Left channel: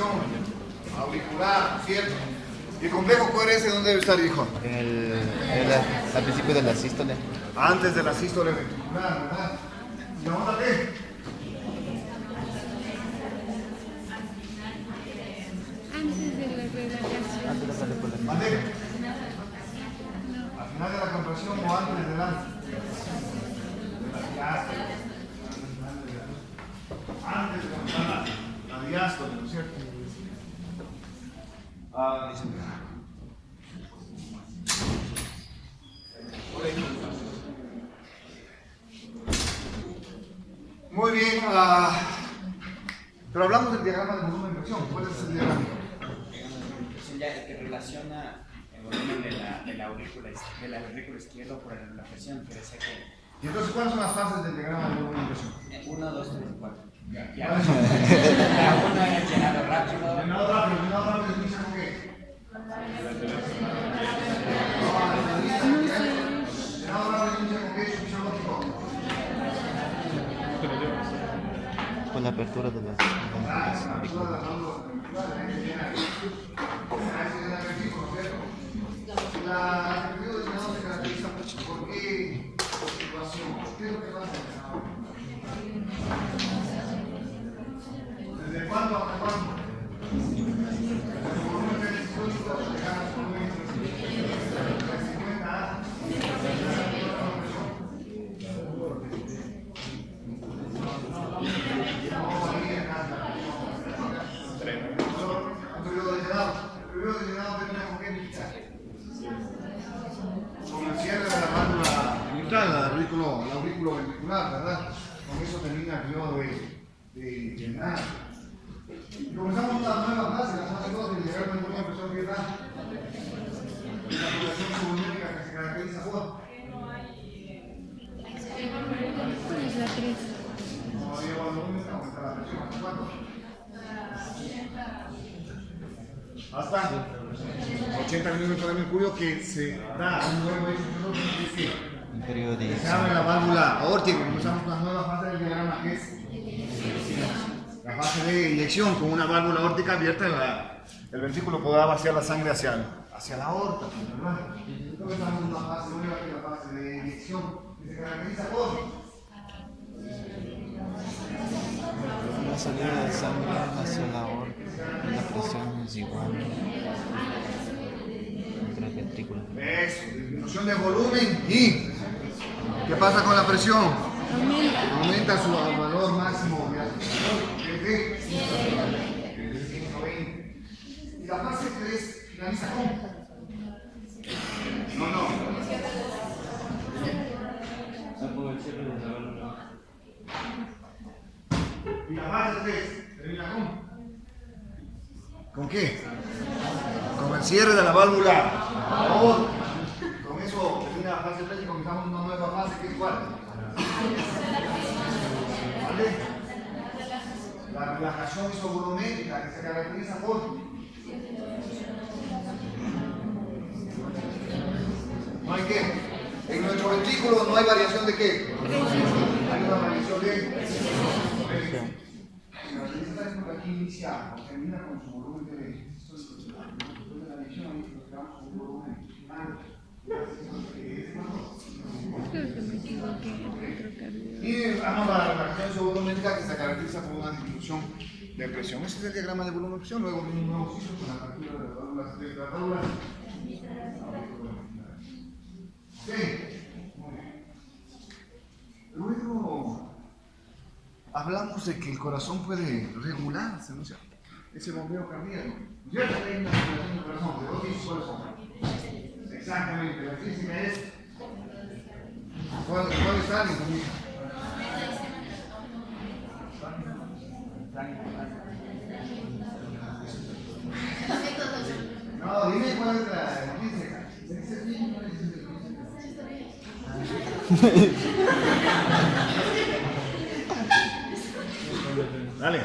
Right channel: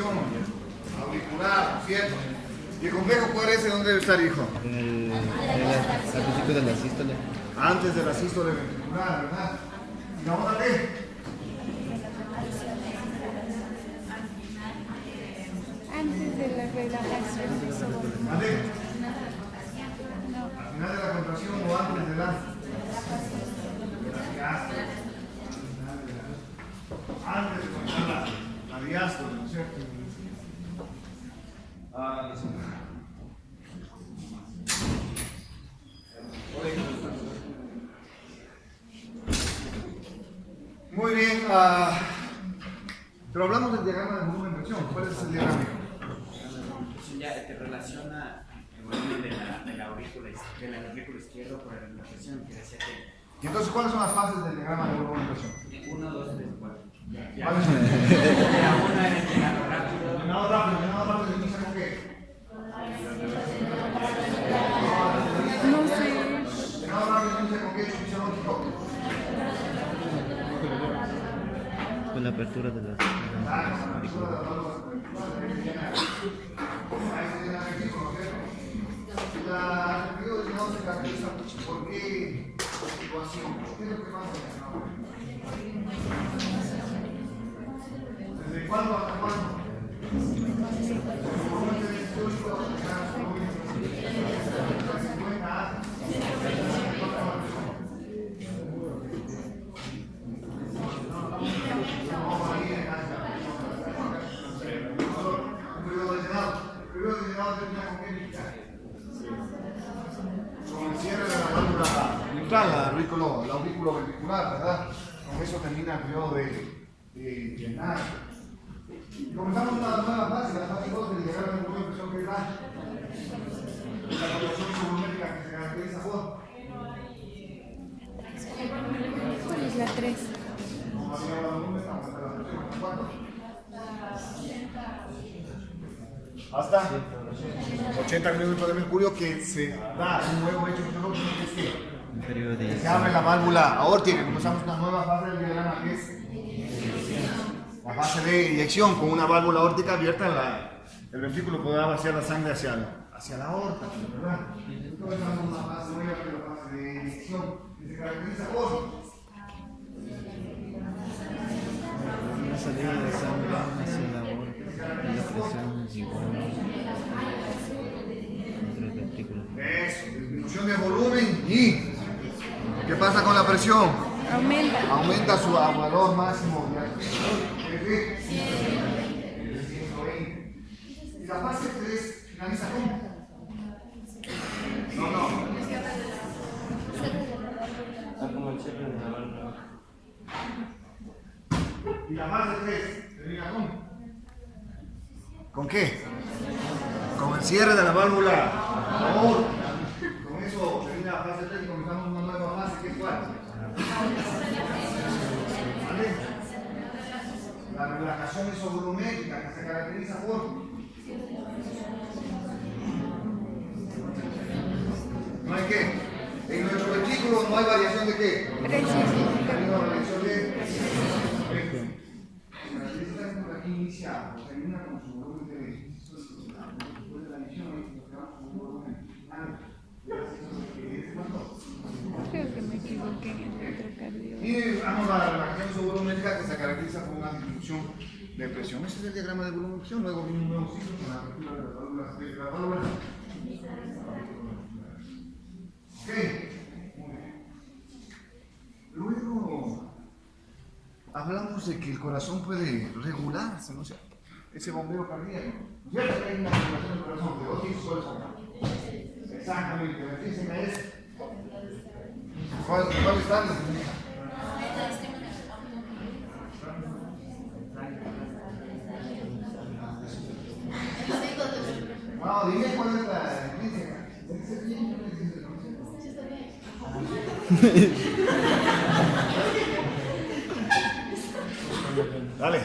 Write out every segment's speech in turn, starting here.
presión auricular, ¿cierto? ¿Y el complejo QRS dónde debe estar, hijo? Al principio de la sístole. Antes de la sístole ventricular, ¿verdad? ¿Y la otra qué? Antes de la relajación. ¿Vale? Al final de la contracción o antes de la diástole. Antes de comenzar la diástole, ¿no es cierto? Muy bien, pero hablamos del diagrama de volumen de presión. ¿Cuál es el diagrama? Ya el que relaciona el volumen de la aurícula izquierda por la presión, que decía que Y entonces, ¿cuáles son las fases del diagrama de volumen de presión? 1, 2, 3, 4. Ya. ¿Cuáles son? La 1 era el llenado rápido. Llenado rápido, inicia con qué? Llenado rápido, inicia con qué? Fisiológico. Con la apertura de las. La apertura de las válvulas ventriculares. La periodo de llenado se caracteriza por qué situación, por qué es lo que pasa en el llenado. ¿Desde cuándo hasta cuándo? El volumen del histórico llegar a su volumen de 50 años. Un periodo de llenado. El periodo de llenado termina con qué dicha? Con el cierre de la válvula mitral, la aurículo ventricular, ¿verdad? Con eso termina el periodo de llenar. Y comenzamos una nueva fase, la fase 2 del diagrama de volumen de presión, que es la progresión subvolumétrica que se caracteriza por. Es la 3. Como había volumen, aumenta la presión. ¿Hasta cuánto? Hasta 80 milímetros de mercurio, que se da un nuevo hecho fisiológico, que es Un periodo de. que se abre la válvula aórtica, y comenzamos una nueva fase del diagrama, que es la fase de eyección, con una válvula aórtica abierta, el ventrículo podrá vaciar la sangre hacia la aorta, ¿verdad? Comenzamos una fase nueva, que es la fase de eyección, que se caracteriza por La salida de sangre hacia la aorta. Y la presión es igual. Entre el ventrículo. eso, disminución de volumen. Y ¿qué pasa con la presión? Aumenta su valor máximo de 120. Y la fase 3 finaliza con. No. Y la fase 3 termina con. ¿Con qué? Con el cierre de la válvula. Con eso termina la fase 3 y comenzamos una nueva fase, que es cuál. ¿Vale? La relajación isovolumétrica, que se caracteriza por. ¿No hay qué? En nuestro ventrículo no hay variación de qué. Hay una variación de. Aquí inicia o termina con su volumen de. Después de la edición, nos quedamos con un volumen final. Y vamos a la relajación isovolumétrica, que se caracteriza por una disminución de presión. Ese es el diagrama de volumen de presión. Luego viene un nuevo ciclo con la apertura de las válvulas. Ok. Muy bien. Luego hablamos de que el corazón puede regularse, ¿no es cierto? Ese bombeo cardíaco. ¿No es cierto? Hay una regulación del corazón. ¿De dónde hizo cuáles son? Exactamente. La física es. ¿Cuáles están? No, dime cuál es la física. Dale.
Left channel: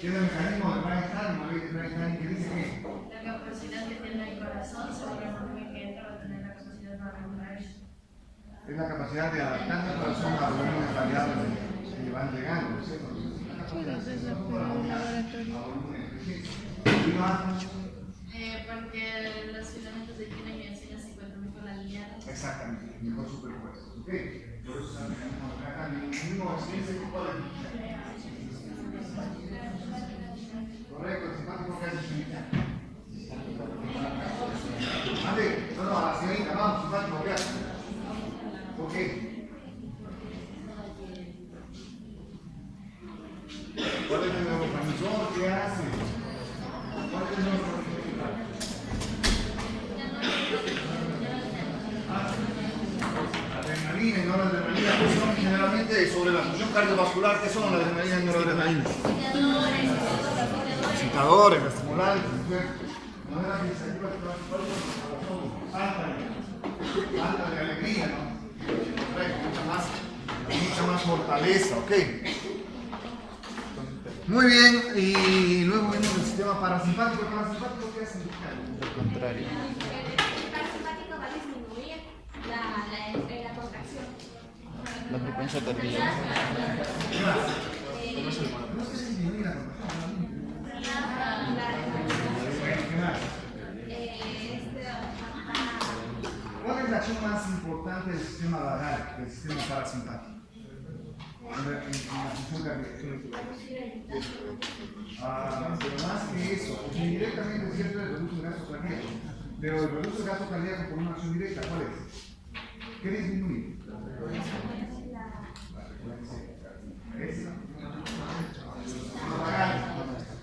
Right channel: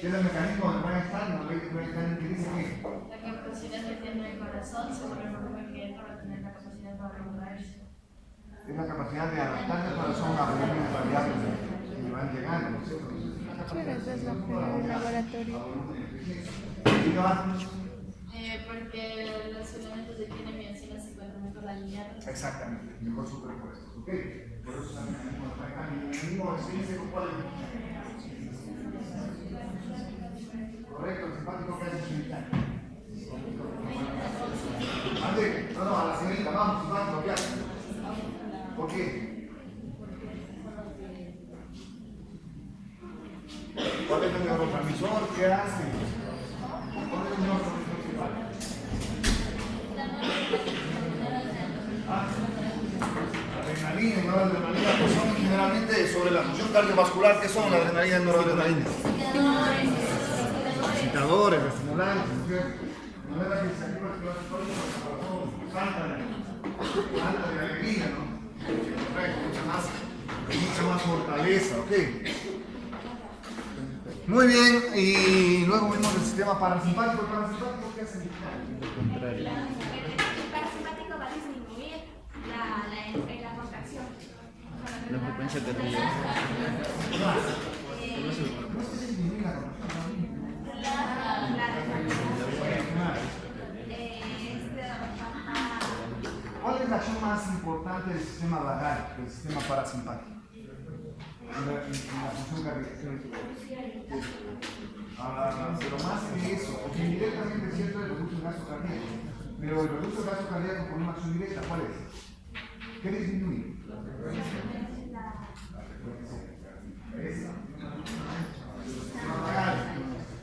Tiene el mecanismo de Bryan-Stein, ¿no? Bryan-Stein, que dice que la capacidad que tiene el corazón sobre el volumen que entra va a tener la capacidad para regular eso. es la capacidad de adaptar el corazón a volúmenes variables que van llegando, ¿no es cierto? Porque los filamentos de quina y miocina se encuentran mejor alineados. Exactamente, mejor superpuestos. ¿Ok? Por eso está el mecanismo extrínseco, ¿cuál es? Correcto, el simpático que hace extrínseco. Ande, no, a la señorita, vamos, simpático, ¿qué hace? ¿Por qué? ¿Cuál es el neurotransmisor? ¿Qué hace? ¿Cuál es el neurotransmisor simpático? Adrenalina y noradrenalina pues son generalmente sobre la función cardiovascular. ¿Qué son la adrenalina y noradrenalina? Excitadores, estimulantes. No era que se activa el corazón, falta de alegría, ¿no? Correcto, mucha más fortaleza, ¿ok? Muy bien, y luego vemos el sistema parasimpático. ¿El parasimpático qué hace? El parasimpático va a disminuir la contracción. La frecuencia cardíaca. No sé si disminuye la contracción. ¿Cuál es la acción más importante del sistema vagal, del sistema parasimpático? En la función cardíaca. Pero más que eso, porque indirectamente es cierto el reduce el gasto cardíaco, pero el reduce el gasto cardíaco por una acción directa, ¿cuál es? ¿Qué disminuye? La frecuencia cardíaca. Vagal.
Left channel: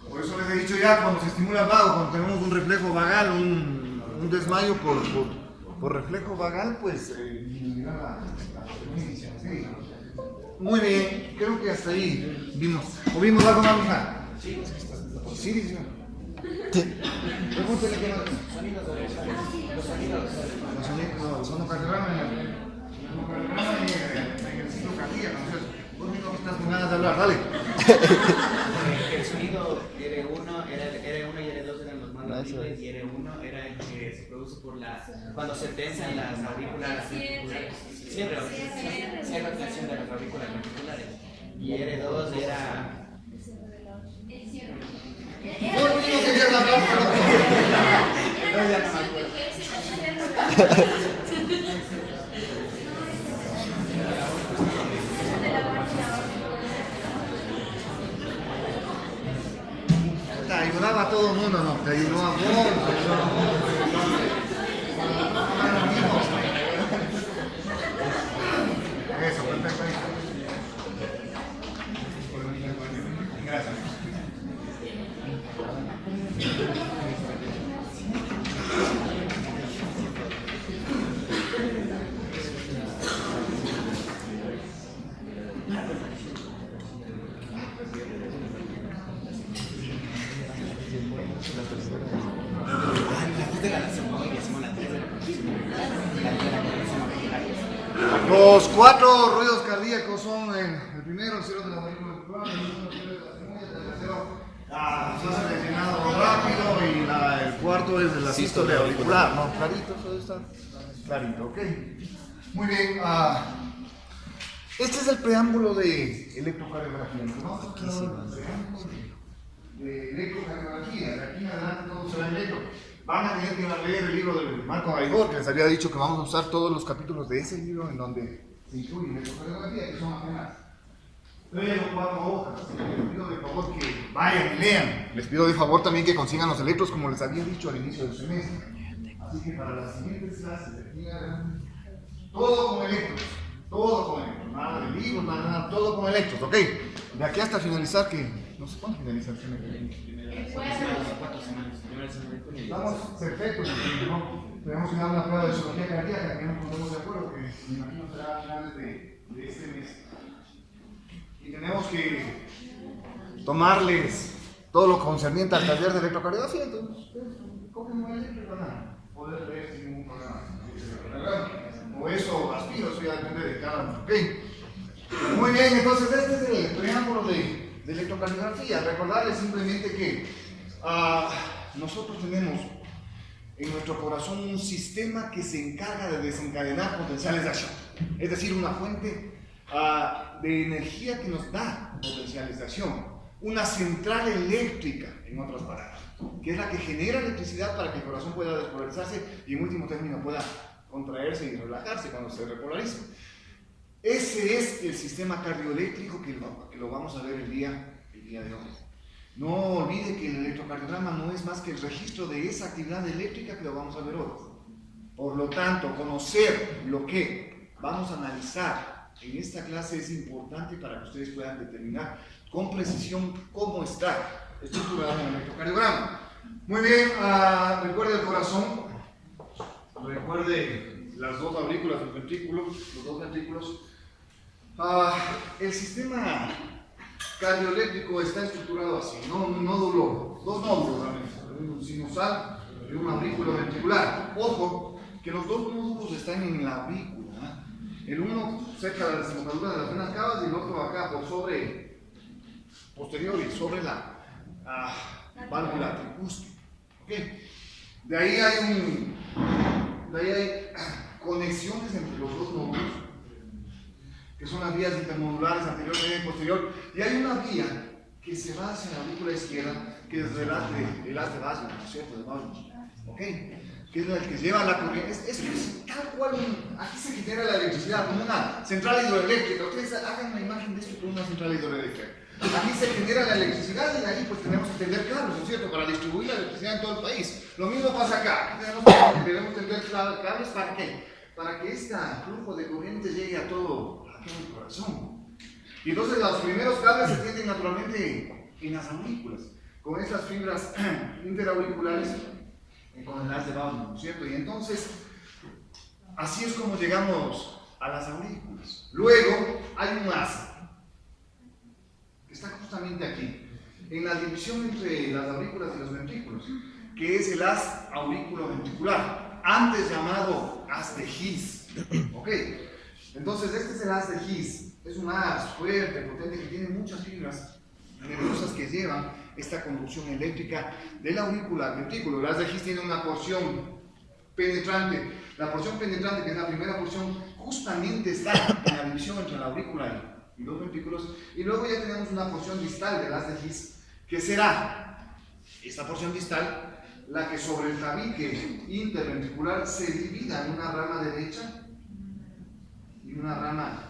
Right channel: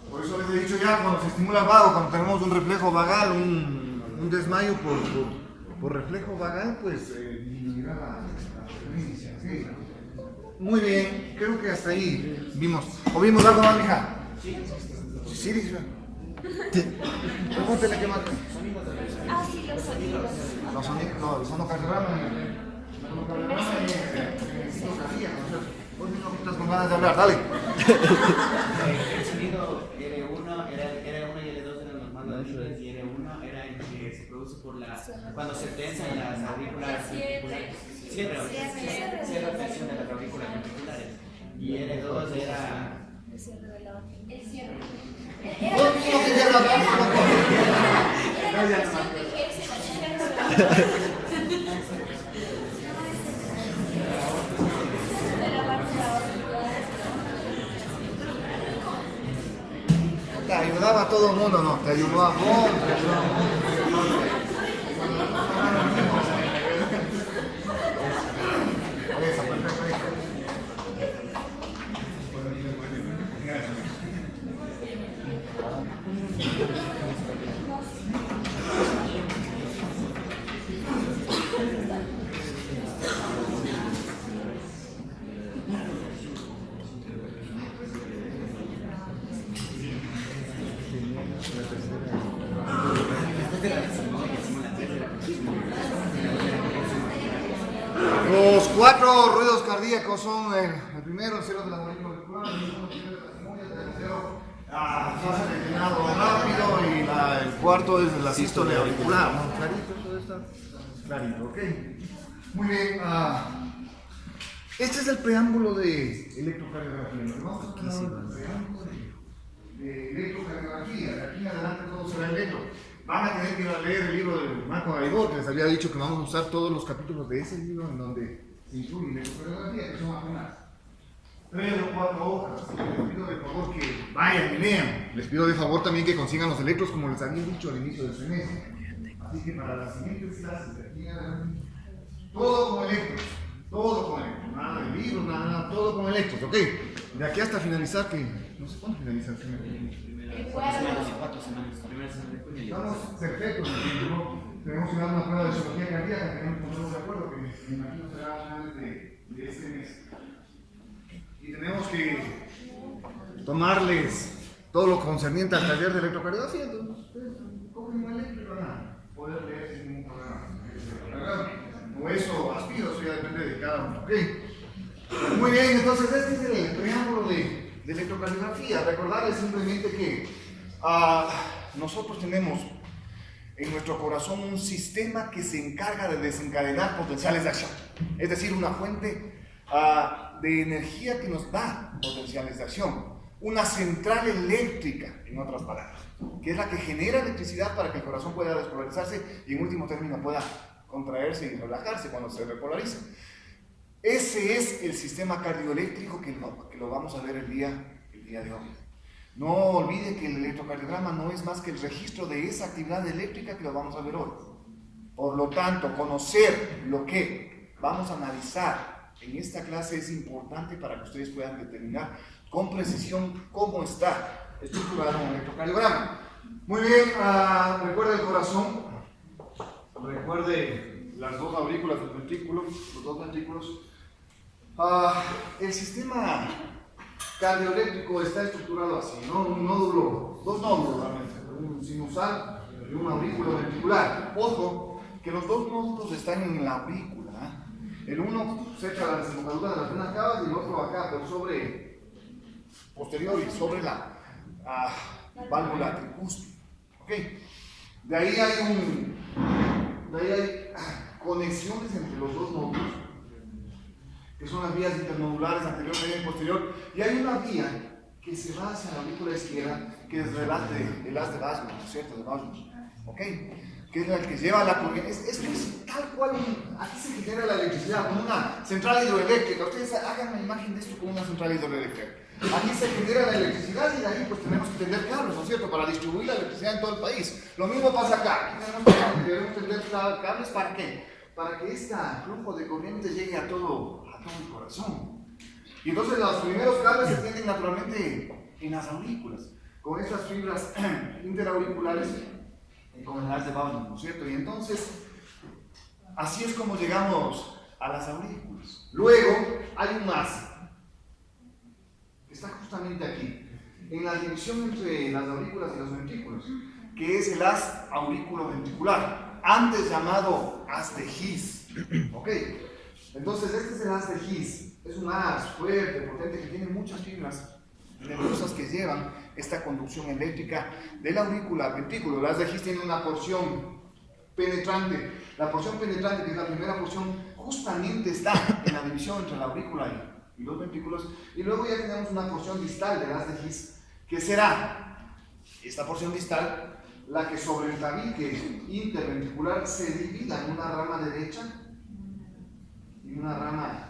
Por eso les he dicho ya, cuando se estimula el vago, cuando tenemos un reflejo vagal, un desmayo por reflejo vagal, pues disminuirá la frecuencia. ¿Sí? Muy bien, creo que hasta ahí vimos. ¿O vimos algo más, mija? Sí. Sí, dice. Pregúntele qué más. Sonidos de los sonidos. Los sonidos, no, sonocardiograma en el ciclo cardíaco, ¿no es cierto? Vos mismo que estás con ganas de hablar, dale. El sonido R1 y R2 eran los más audibles y R1 era el que se produce cuando se tensan las aurículas ventriculares. Cierre de tensión de las aurículas ventriculares. Y R2 era... Vos mismo querías hablar, No, ya no me acuerdo. te ayudaba a todo el mundo, no, te ayudó a vos, eso, perfecto. Gracias. Los 4 ruidos cardíacos son el primero, el celo de la aurícula auricular, el segundo, el de la cimolla, el tercero, fase de llenado rápido y el cuarto es de la sístole auricular, ¿no? Clarito, todo esto. Clarito, ok. Muy bien. Este es el preámbulo de electrocardiografía, ¿no? Vamos a ver el preámbulo de electrocardiografía. De aquí en adelante todo será electro. Van a tener que leer el libro de Marco Gaibor, que les había dicho que vamos a usar todos los capítulos de ese libro en donde se incluye electrocardiografía, que son apenas 3 o 4 hojas. Así que les pido de favor que vayan y lean. Les pido de favor también que consigan los electros, como les había dicho al inicio del semestre. Así que para las siguientes clases, de aquí en adelante, todo con electros. Todo con electros. Nada de libros, nada, todo con electros, ¿ok? De aquí hasta finalizar, que no sé cuándo finalizar. 4 semanas. Primera semana de junio. Estamos perfectos, ¿no? Tenemos que dar una prueba de zoología cardíaca, que no nos ponemos de acuerdo, que me imagino será a finales de este mes. Y tenemos que tomarles todo lo concerniente al taller de electrocardiografía, entonces cogen un electro y van a poder leer sin ningún problema. O eso aspiro, eso ya depende de cada uno, ¿ok? Muy bien, entonces este es el preámbulo de electrocardiografía. Recordarles simplemente que nosotros tenemos en nuestro corazón un sistema que se encarga de desencadenar potenciales de acción, es decir, una fuente de energía que nos da potenciales de acción. una central eléctrica, en otras palabras, que es la que genera electricidad para que el corazón pueda despolarizarse y en último término pueda contraerse y relajarse cuando se repolariza. Ese es el sistema cardioeléctrico que lo vamos a ver el día de hoy. No olviden que el electrocardiograma no es más que el registro de esa actividad eléctrica que lo vamos a ver hoy. Por lo tanto, conocer lo que vamos a analizar en esta clase es importante para que ustedes puedan determinar con precisión cómo está estructurado un electrocardiograma. Muy bien, recuerde el corazón, recuerde las dos aurículas, los dos ventrículos. El sistema cardioeléctrico está estructurado así, ¿no? Dos nódulos realmente, un sinusal y un aurículo ventricular. Ojo, que los dos nódulos están en la aurícula, ¿eh? El uno cerca de la desembocadura de las venas cavas y el otro acá, pues posterior y sobre la válvula tricúspide. ¿Okay? De ahí hay conexiones entre los dos nódulos, que son las vías internodulares anterior, media y posterior, y hay una vía que se va hacia la aurícula izquierda, que es el haz de Boswell, ¿no es cierto? De Boswell, ¿ok? Que es la que lleva la corriente. Es tal cual, aquí se genera la electricidad como una central hidroeléctrica. Ustedes hagan una imagen de esto como una central hidroeléctrica. Aquí se genera la electricidad y de ahí pues tenemos que tender cables, ¿no es cierto? Para distribuir la electricidad en todo el país. Lo mismo pasa acá. Debemos tender cables ¿para qué? Para que este flujo de corriente llegue a todo el corazón. Y entonces los primeros cables se tienden naturalmente en las aurículas, con estas fibras interauriculares y con el haz de Boswell, ¿no es cierto? Y entonces, así es como llegamos a las aurículas. Luego hay un haz que está justamente aquí, en la división entre las aurículas y los ventrículos, que es el haz auriculoventricular, antes llamado haz de His. ¿Ok? Entonces, este es el haz de His. Es un haz fuerte, potente, que tiene muchas fibras nerviosas que llevan esta conducción eléctrica de la aurícula al ventrículo. El haz de His tiene una porción penetrante. La porción penetrante, que es la primera porción, justamente está en la división entre la aurícula y los ventrículos. Y luego ya tenemos una porción distal del haz de His, que será esta porción distal la que sobre el tabique interventricular se divida en una rama derecha y una rama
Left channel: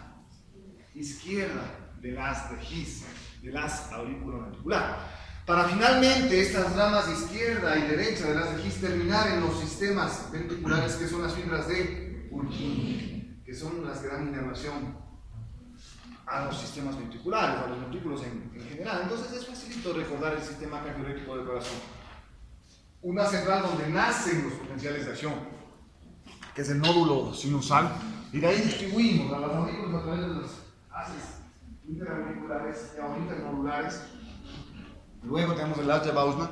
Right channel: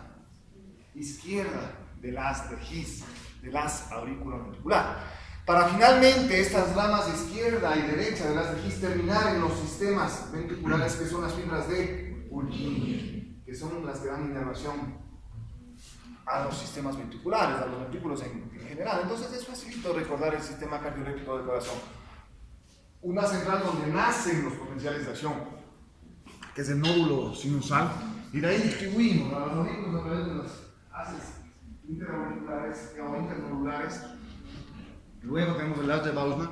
izquierda del haz de His, del haz auriculoventricular, para finalmente estas ramas izquierda y derecha del haz de His terminar en los sistemas ventriculares, que son las fibras de Purkinje, que son las que dan inervación a los sistemas ventriculares, a los ventrículos en general. Entonces es facilito recordar el sistema cardioeléctrico del corazón. Una central donde nacen los potenciales de acción, que es el nódulo sinusal, y de ahí distribuimos a las aurículas a través de las haces interauriculares o internodulares. Luego tenemos el haz de Boswell.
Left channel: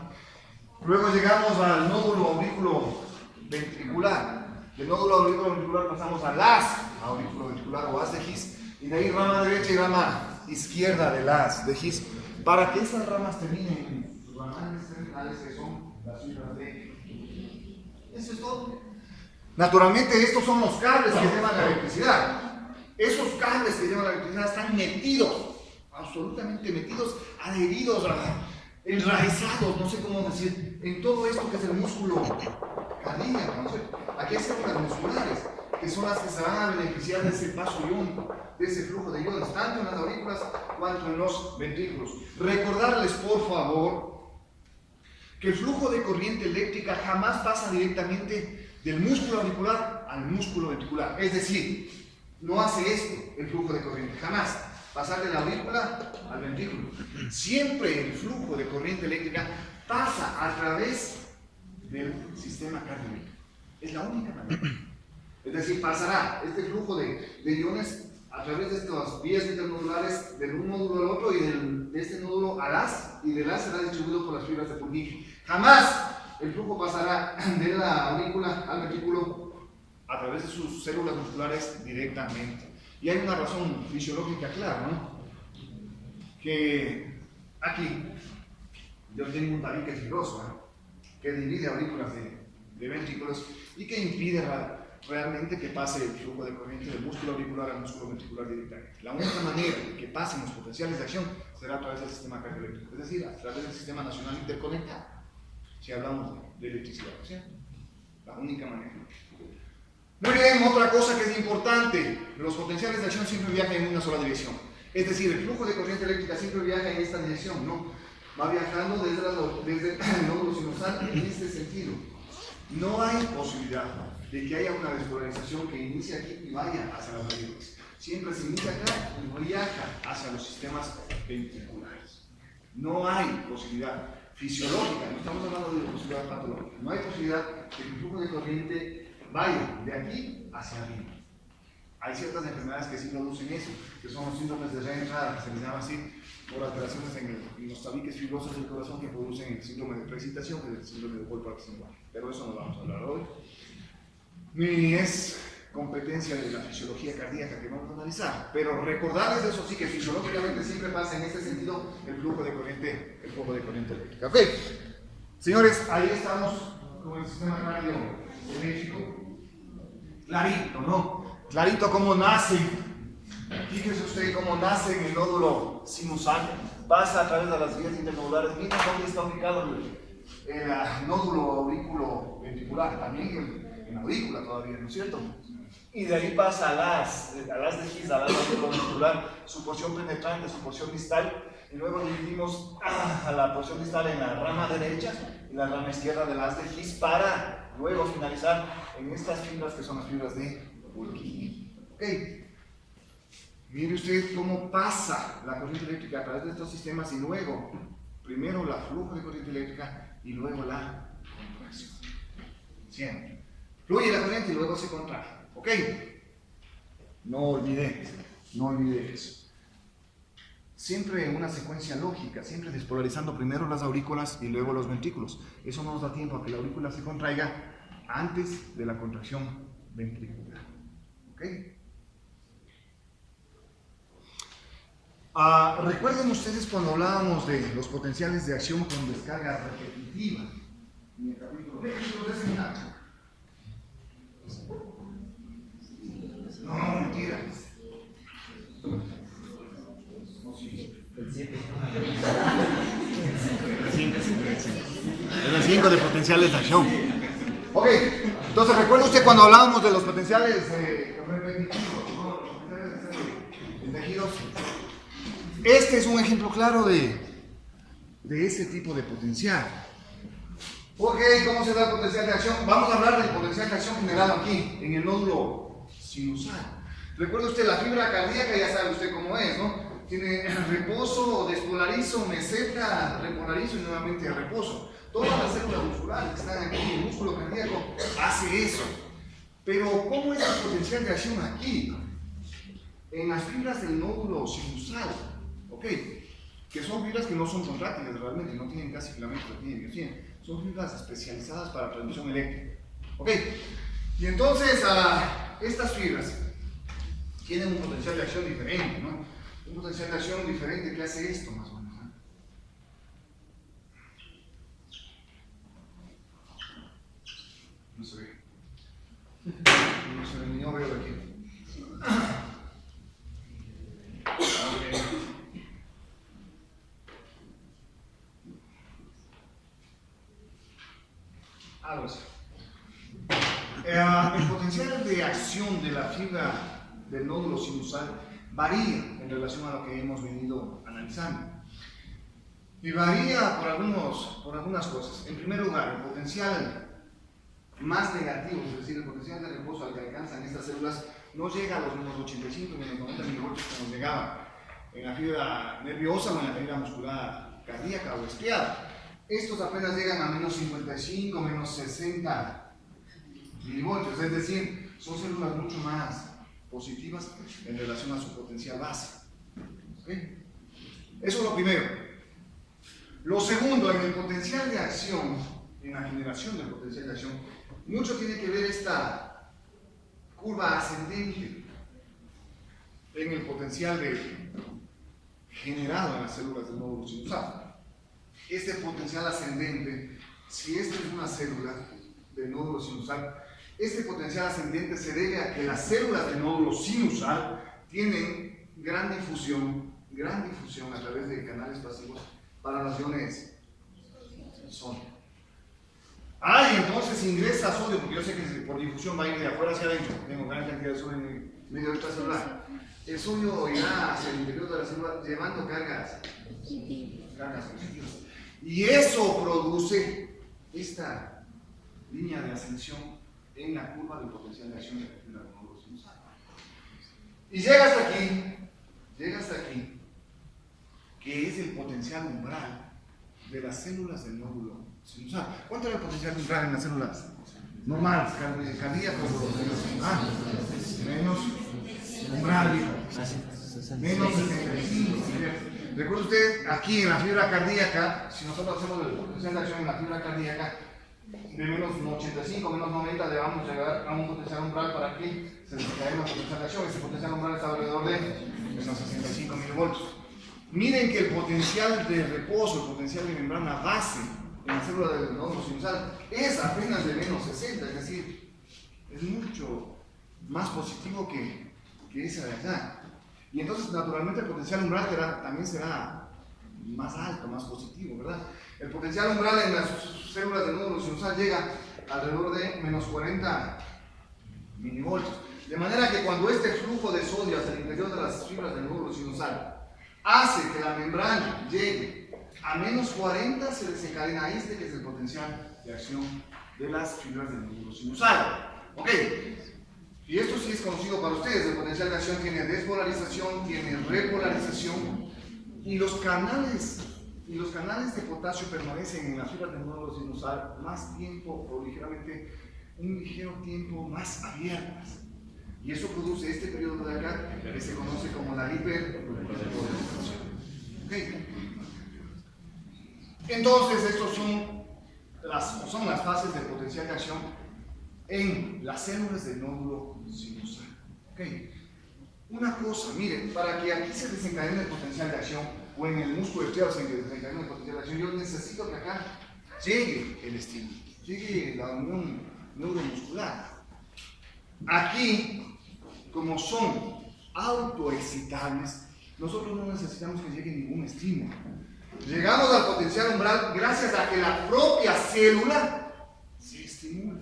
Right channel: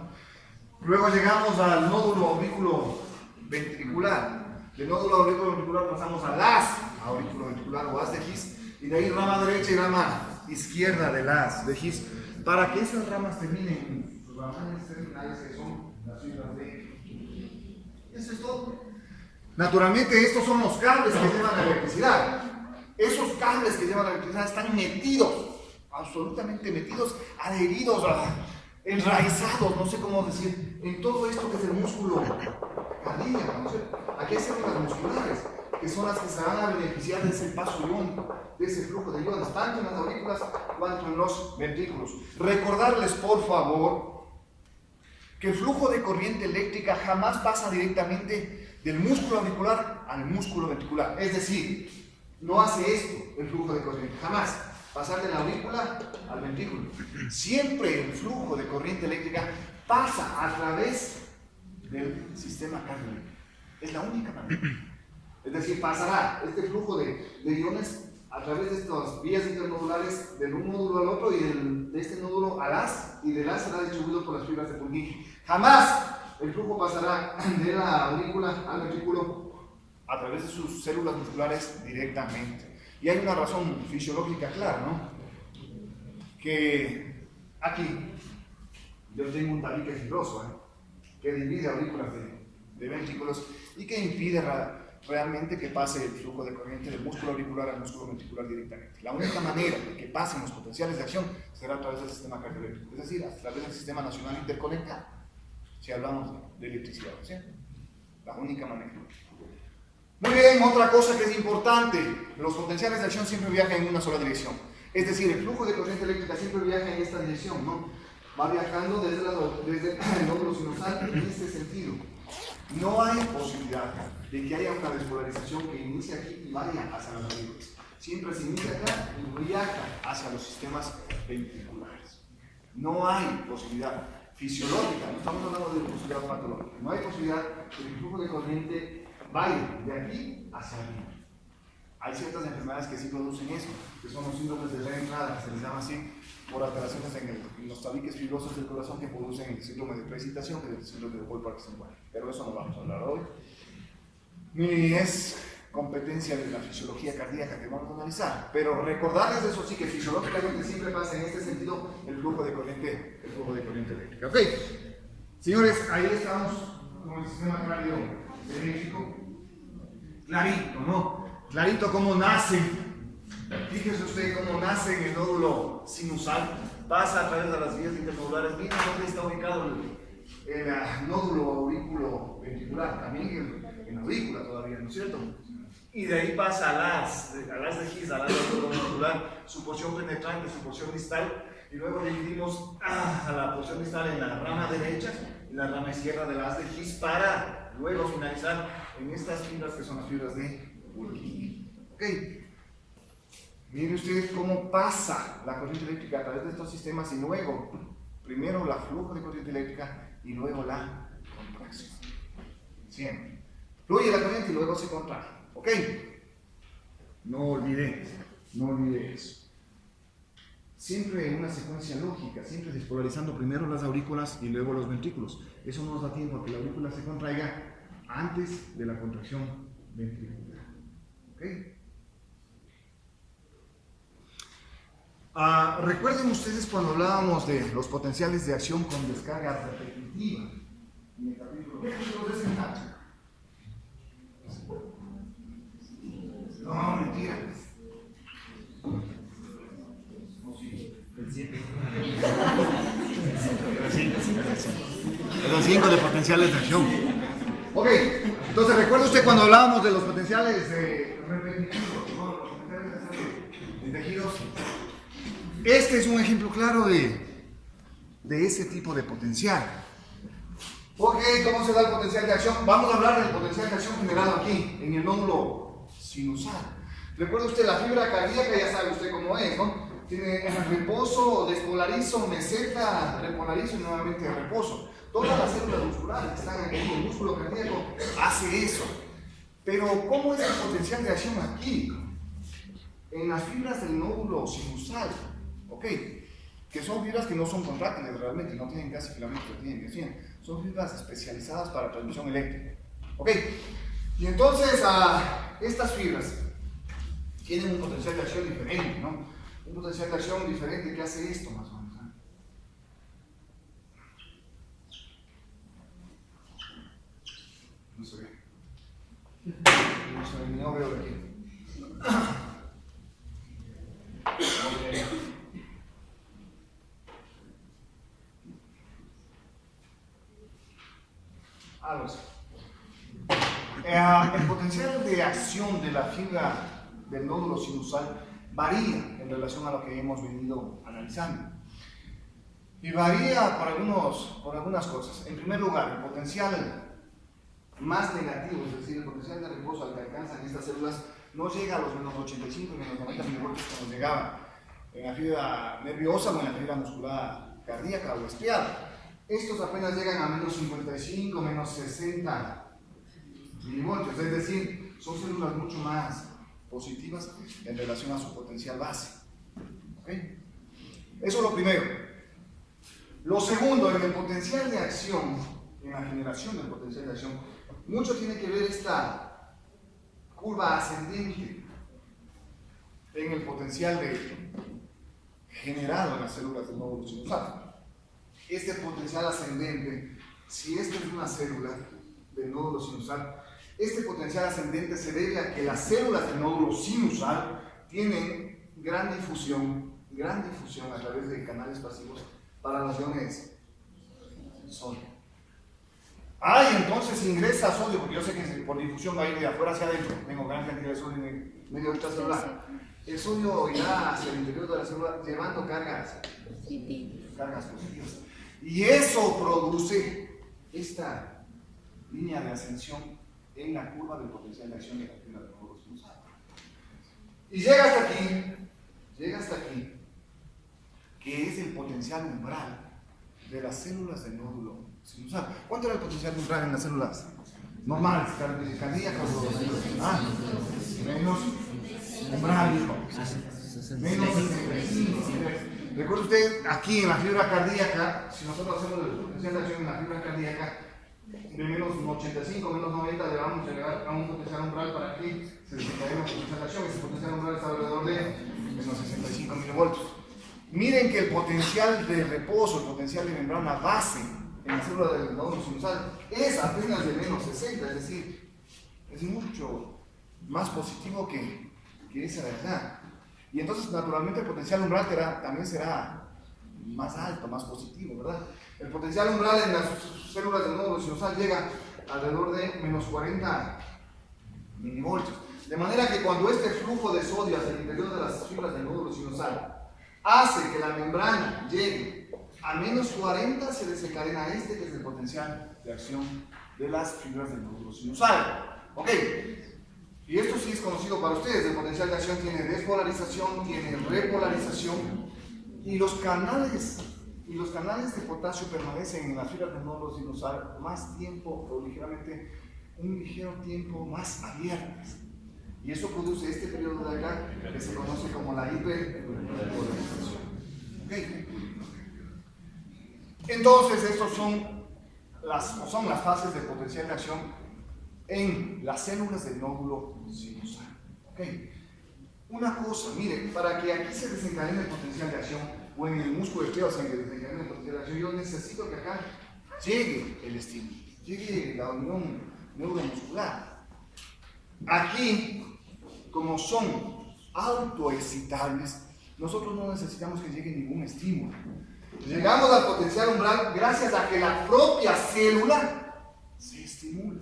Luego llegamos al nódulo auriculoventricular. Del nódulo auriculoventricular pasamos al haz auriculoventricular o haz de His, y de ahí rama derecha y rama izquierda del haz de His, para que esas ramas terminen en sus ramales terminales, que son las fibras de. Eso es todo. Naturalmente, estos son los cables que llevan la electricidad. Esos cables que llevan la electricidad están metidos, absolutamente metidos, adheridos, enraizados, no sé cómo decir, en todo esto que es el músculo cardíaco, ¿no? Aquí hay células musculares, que son las que se van a beneficiar de ese paso iónico, de ese flujo de iones, tanto en las aurículas cuanto en los ventrículos. Recordarles, por favor, que el flujo de corriente eléctrica jamás pasa directamente del músculo auricular al músculo ventricular. Es decir, no hace esto el flujo de corriente, jamás. Pasar de la aurícula al ventrículo. Siempre el flujo de corriente eléctrica pasa a través del sistema cardioeléctrico. Es la única manera. Es decir, pasará este flujo de iones a través de estas vías internodulares de un nódulo al otro y de este nódulo al haz, y del haz será distribuido por las fibras de Purkinje. Jamás el flujo pasará de la aurícula al ventrículo a través de sus células musculares directamente. Y hay una razón fisiológica clara, ¿no? Que aquí yo tengo un tabique fibroso, que divide aurículas de ventrículos y que impide realmente que pase el flujo de corriente del músculo auricular al músculo ventricular directamente. La única manera de que pasen los potenciales de acción será a través del sistema cardioeléctrico, es decir, a través del sistema nacional interconectado, si hablamos de electricidad, ¿cierto? La única manera. Muy bien, otra cosa que es importante, los potenciales de acción siempre viajan en una sola dirección. Es decir, el flujo de corriente eléctrica siempre viaja en esta dirección, ¿no? Va viajando desde el nódulo sinusal en este sentido. No hay posibilidad de que haya una despolarización que inicie aquí y vaya hacia las aurículas. Siempre se inicia acá y viaja hacia los sistemas ventriculares. No hay posibilidad fisiológica, no estamos hablando de posibilidad patológica, no hay posibilidad de que el flujo de corriente vaya de aquí hacia arriba. Hay ciertas enfermedades que sí producen eso, que son los síndromes de reentrada, que se les llama así, por alteraciones en los tabiques fibrosos del corazón que producen el síndrome de precipitación, que es el síndrome de Wolff-Parkinson. Pero eso no vamos a hablar hoy. Ni es competencia de la fisiología cardíaca que vamos a analizar. Pero recordarles eso sí, que fisiológicamente siempre pasa en este sentido el flujo de corriente eléctrica. Ok, señores, ahí estamos con el sistema cardioeléctrico. Clarito, ¿no? Clarito cómo nace. Fíjese usted cómo nace en el nódulo sinusal. Pasa a través de las vías internodulares. Mira dónde está ubicado el nódulo aurículo ventricular. También en la aurícula todavía, ¿no es cierto? Y de ahí pasa a las de His, a las aurículo ventricular, su porción penetrante, su porción distal. Y luego dividimos a la porción distal en la rama derecha y la rama izquierda de las de His para luego finalizar en estas fibras que son las fibras de Purkinje. Ok. Mire usted cómo pasa la corriente eléctrica a través de estos sistemas y luego, primero la flujo de corriente eléctrica y luego la contracción. Siempre. Fluye la corriente y luego se contrae. ¿Ok? No olvide eso. Siempre en una secuencia lógica, siempre despolarizando primero las aurículas y luego los ventrículos. Eso no nos da tiempo a que la aurícula se contraiga antes de la contracción ventricular. ¿Ok? Recuerden ustedes cuando hablábamos de los potenciales de acción con descarga repetitiva en el capítulo de desenlace. No, mentira. Era 5 de potenciales de acción. Ok, entonces recuerda usted cuando hablábamos de los potenciales repetitivos, los potenciales de tejidos. Este es un ejemplo claro de ese tipo de potencial. Ok, ¿cómo se da el potencial de acción? Vamos a hablar del potencial de acción generado aquí, en el nódulo sinusal. Recuerda usted la fibra cardíaca, ya sabe usted cómo es, ¿no? Tiene reposo, despolarizo, meseta, repolarizo y nuevamente reposo. Todas las células musculares que están aquí, el músculo cardíaco hace eso. Pero ¿cómo es el potencial de acción aquí? En las fibras del nódulo sinusal, ¿ok? Que son fibras que no son contráctiles realmente, no tienen casi filamentos, son fibras especializadas para transmisión eléctrica, ¿ok? Y entonces estas fibras tienen un potencial de acción diferente, ¿no? Un potencial de acción diferente que hace esto más o menos. No se ve. No se ve, ni no veo de aquí. Okay. Algo así. El potencial de acción de la fibra del nódulo sinusal varía en relación a lo que hemos venido analizando. Y varía por algunas cosas. En primer lugar, el potencial más negativo, es decir, el potencial de reposo al que alcanzan estas células, no llega a los menos 85, menos 90 milivoltios como llegaba en la fibra nerviosa o en la fibra muscular cardíaca o estriada. Estos apenas llegan a menos 55, menos 60 milivoltios, es decir, son células mucho más positivas en relación a su potencial base. ¿Okay? Eso es lo primero. Lo segundo, en el potencial de acción, en la generación del potencial de acción, mucho tiene que ver esta curva ascendente en el potencial generado en las células del nódulo sinusal. Este potencial ascendente, si esta es una célula del nódulo sinusal, este potencial ascendente se debe a que las células del nódulo sinusal tienen gran difusión, gran difusión a través de canales pasivos para las iones sodio. Entonces ingresa sodio, porque yo sé que por difusión va a ir de afuera hacia adentro. Tengo gran cantidad de sodio en medio extracelular. El sodio irá hacia el interior de la célula llevando cargas positivas. Y eso produce esta línea de ascensión en la curva del potencial de acción de la fibra del nódulo sinusal. Y llega hasta aquí, que es el potencial umbral de las células del nódulo sinusal. ¿Cuánto era el potencial umbral en las células normales, cardíacas o menos umbral, dijo. Menos 65. Recuerde usted, aquí en la fibra cardíaca, si nosotros hacemos el potencial de acción en la fibra cardíaca, de menos 85, menos 90, le vamos a llegar a un potencial umbral para que se desencadene un potencial de acción. Ese potencial umbral está alrededor de menos 65 milivoltios. Miren que el potencial de reposo, el potencial de membrana base en la célula del nódulo sinusal es apenas de menos 60, es decir, es mucho más positivo que esa de allá. Y entonces, naturalmente, el potencial umbral también será más alto, más positivo, ¿verdad? El potencial umbral en las células del nódulo sinusal llega alrededor de menos 40 milivoltios. De manera que cuando este flujo de sodio hacia el interior de las fibras del nódulo sinusal hace que la membrana llegue a menos 40, se desencadena que es el potencial de acción de las fibras del nódulo sinusal. ¿Ok? Y esto sí es conocido para ustedes. El potencial de acción tiene despolarización, tiene repolarización, y los canales de potasio permanecen en las fibras del nódulo sinusal más tiempo, o ligeramente, un ligero tiempo más abiertas. Y eso produce este periodo de acá que se conoce como la hiperpolarización. ¿Okay? Entonces, estos son las fases del potencial de acción en las células del nódulo sinusal. ¿Okay? Una cosa, miren, para que aquí se desencadene el potencial de acción, o en el músculo isquioso en que desencadene el potencial de acción, yo necesito que acá llegue el estímulo, llegue la unión neuromuscular. Aquí, como son autoexcitables, nosotros no necesitamos que llegue ningún estímulo. Llegamos al potencial umbral gracias a que la propia célula se estimula.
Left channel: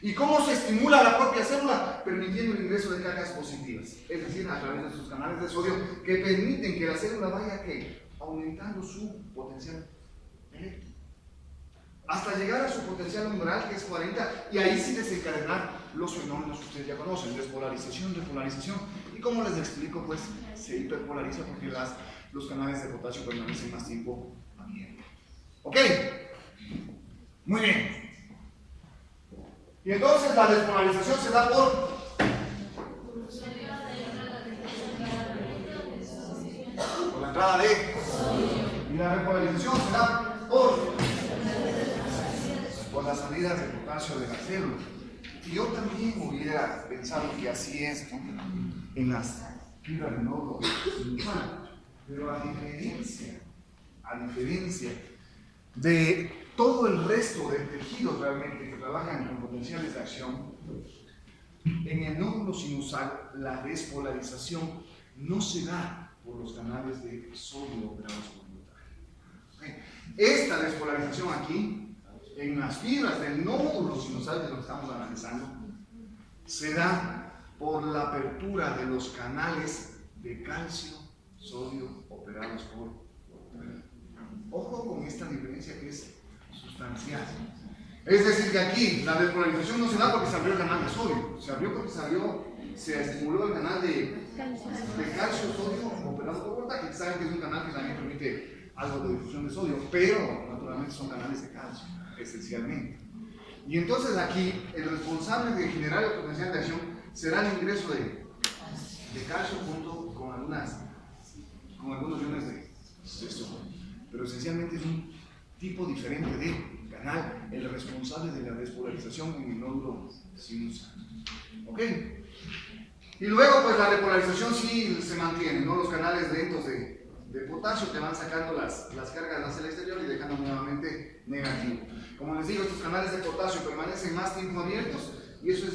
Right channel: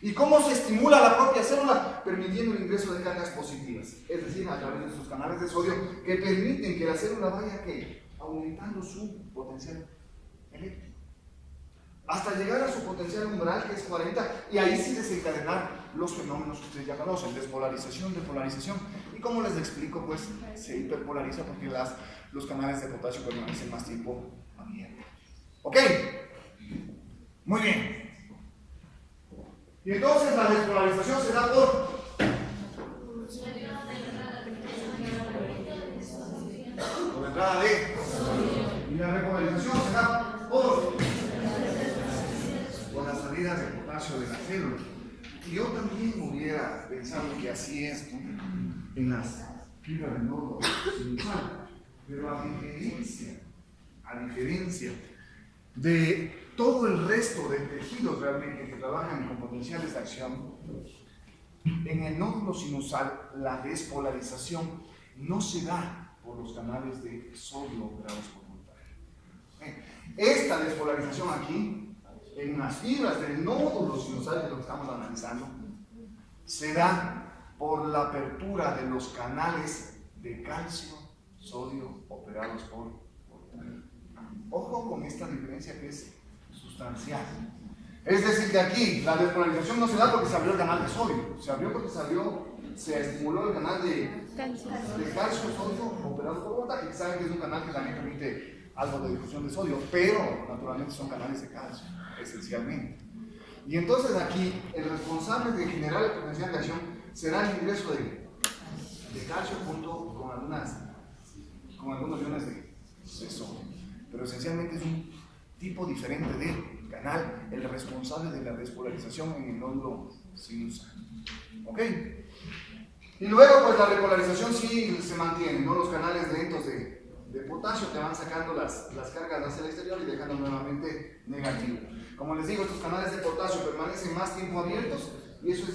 ¿Y cómo se estimula la propia célula? Permitiendo el ingreso de cargas positivas, es decir, a través de sus canales de sodio que permiten que la célula vaya aumentando su potencial eléctrico hasta llegar a su potencial umbral, que es 40, y ahí sí desencadenar los fenómenos que ustedes ya conocen: despolarización, depolarización, y como les explico, pues se hiperpolariza porque los canales de potasio permanecen más tiempo abiertos. ¿Ok? Muy bien. Y entonces la despolarización se da por la entrada de, y la repolarización se da por las salidas de potasio de la célula. Y yo también hubiera pensado que así es, ¿no?, en las fibras del nódulo sinusal, pero a diferencia de todo el resto de tejidos realmente que trabajan con potenciales de acción, en el nódulo sinusal la despolarización no se da por los canales de sodio operados por voltaje. Esta despolarización aquí, en las fibras del nódulo sinusal, de lo que estamos analizando, se da por la apertura de los canales de calcio, sodio operados por voltaje. Ojo con esta diferencia que es sustancial. Es decir, que aquí la despolarización no se da porque se abrió el canal de sodio, se abrió porque se estimuló el canal de calcio, sodio operado por voltaje, que saben que es un canal que también permite algo de difusión de sodio, pero naturalmente son canales de calcio, esencialmente. Y entonces aquí el responsable de generar el potencial de acción será el ingreso de calcio junto con algunos iones de sodio. Pero esencialmente es un tipo diferente de canal, el responsable de la despolarización en el nódulo sinusal. ¿Ok? Y luego, pues la repolarización sí se mantiene, ¿no? Los canales lentos de potasio que van sacando las cargas hacia el exterior y dejando nuevamente negativo. Como les digo, estos canales de potasio permanecen más tiempo abiertos, y eso es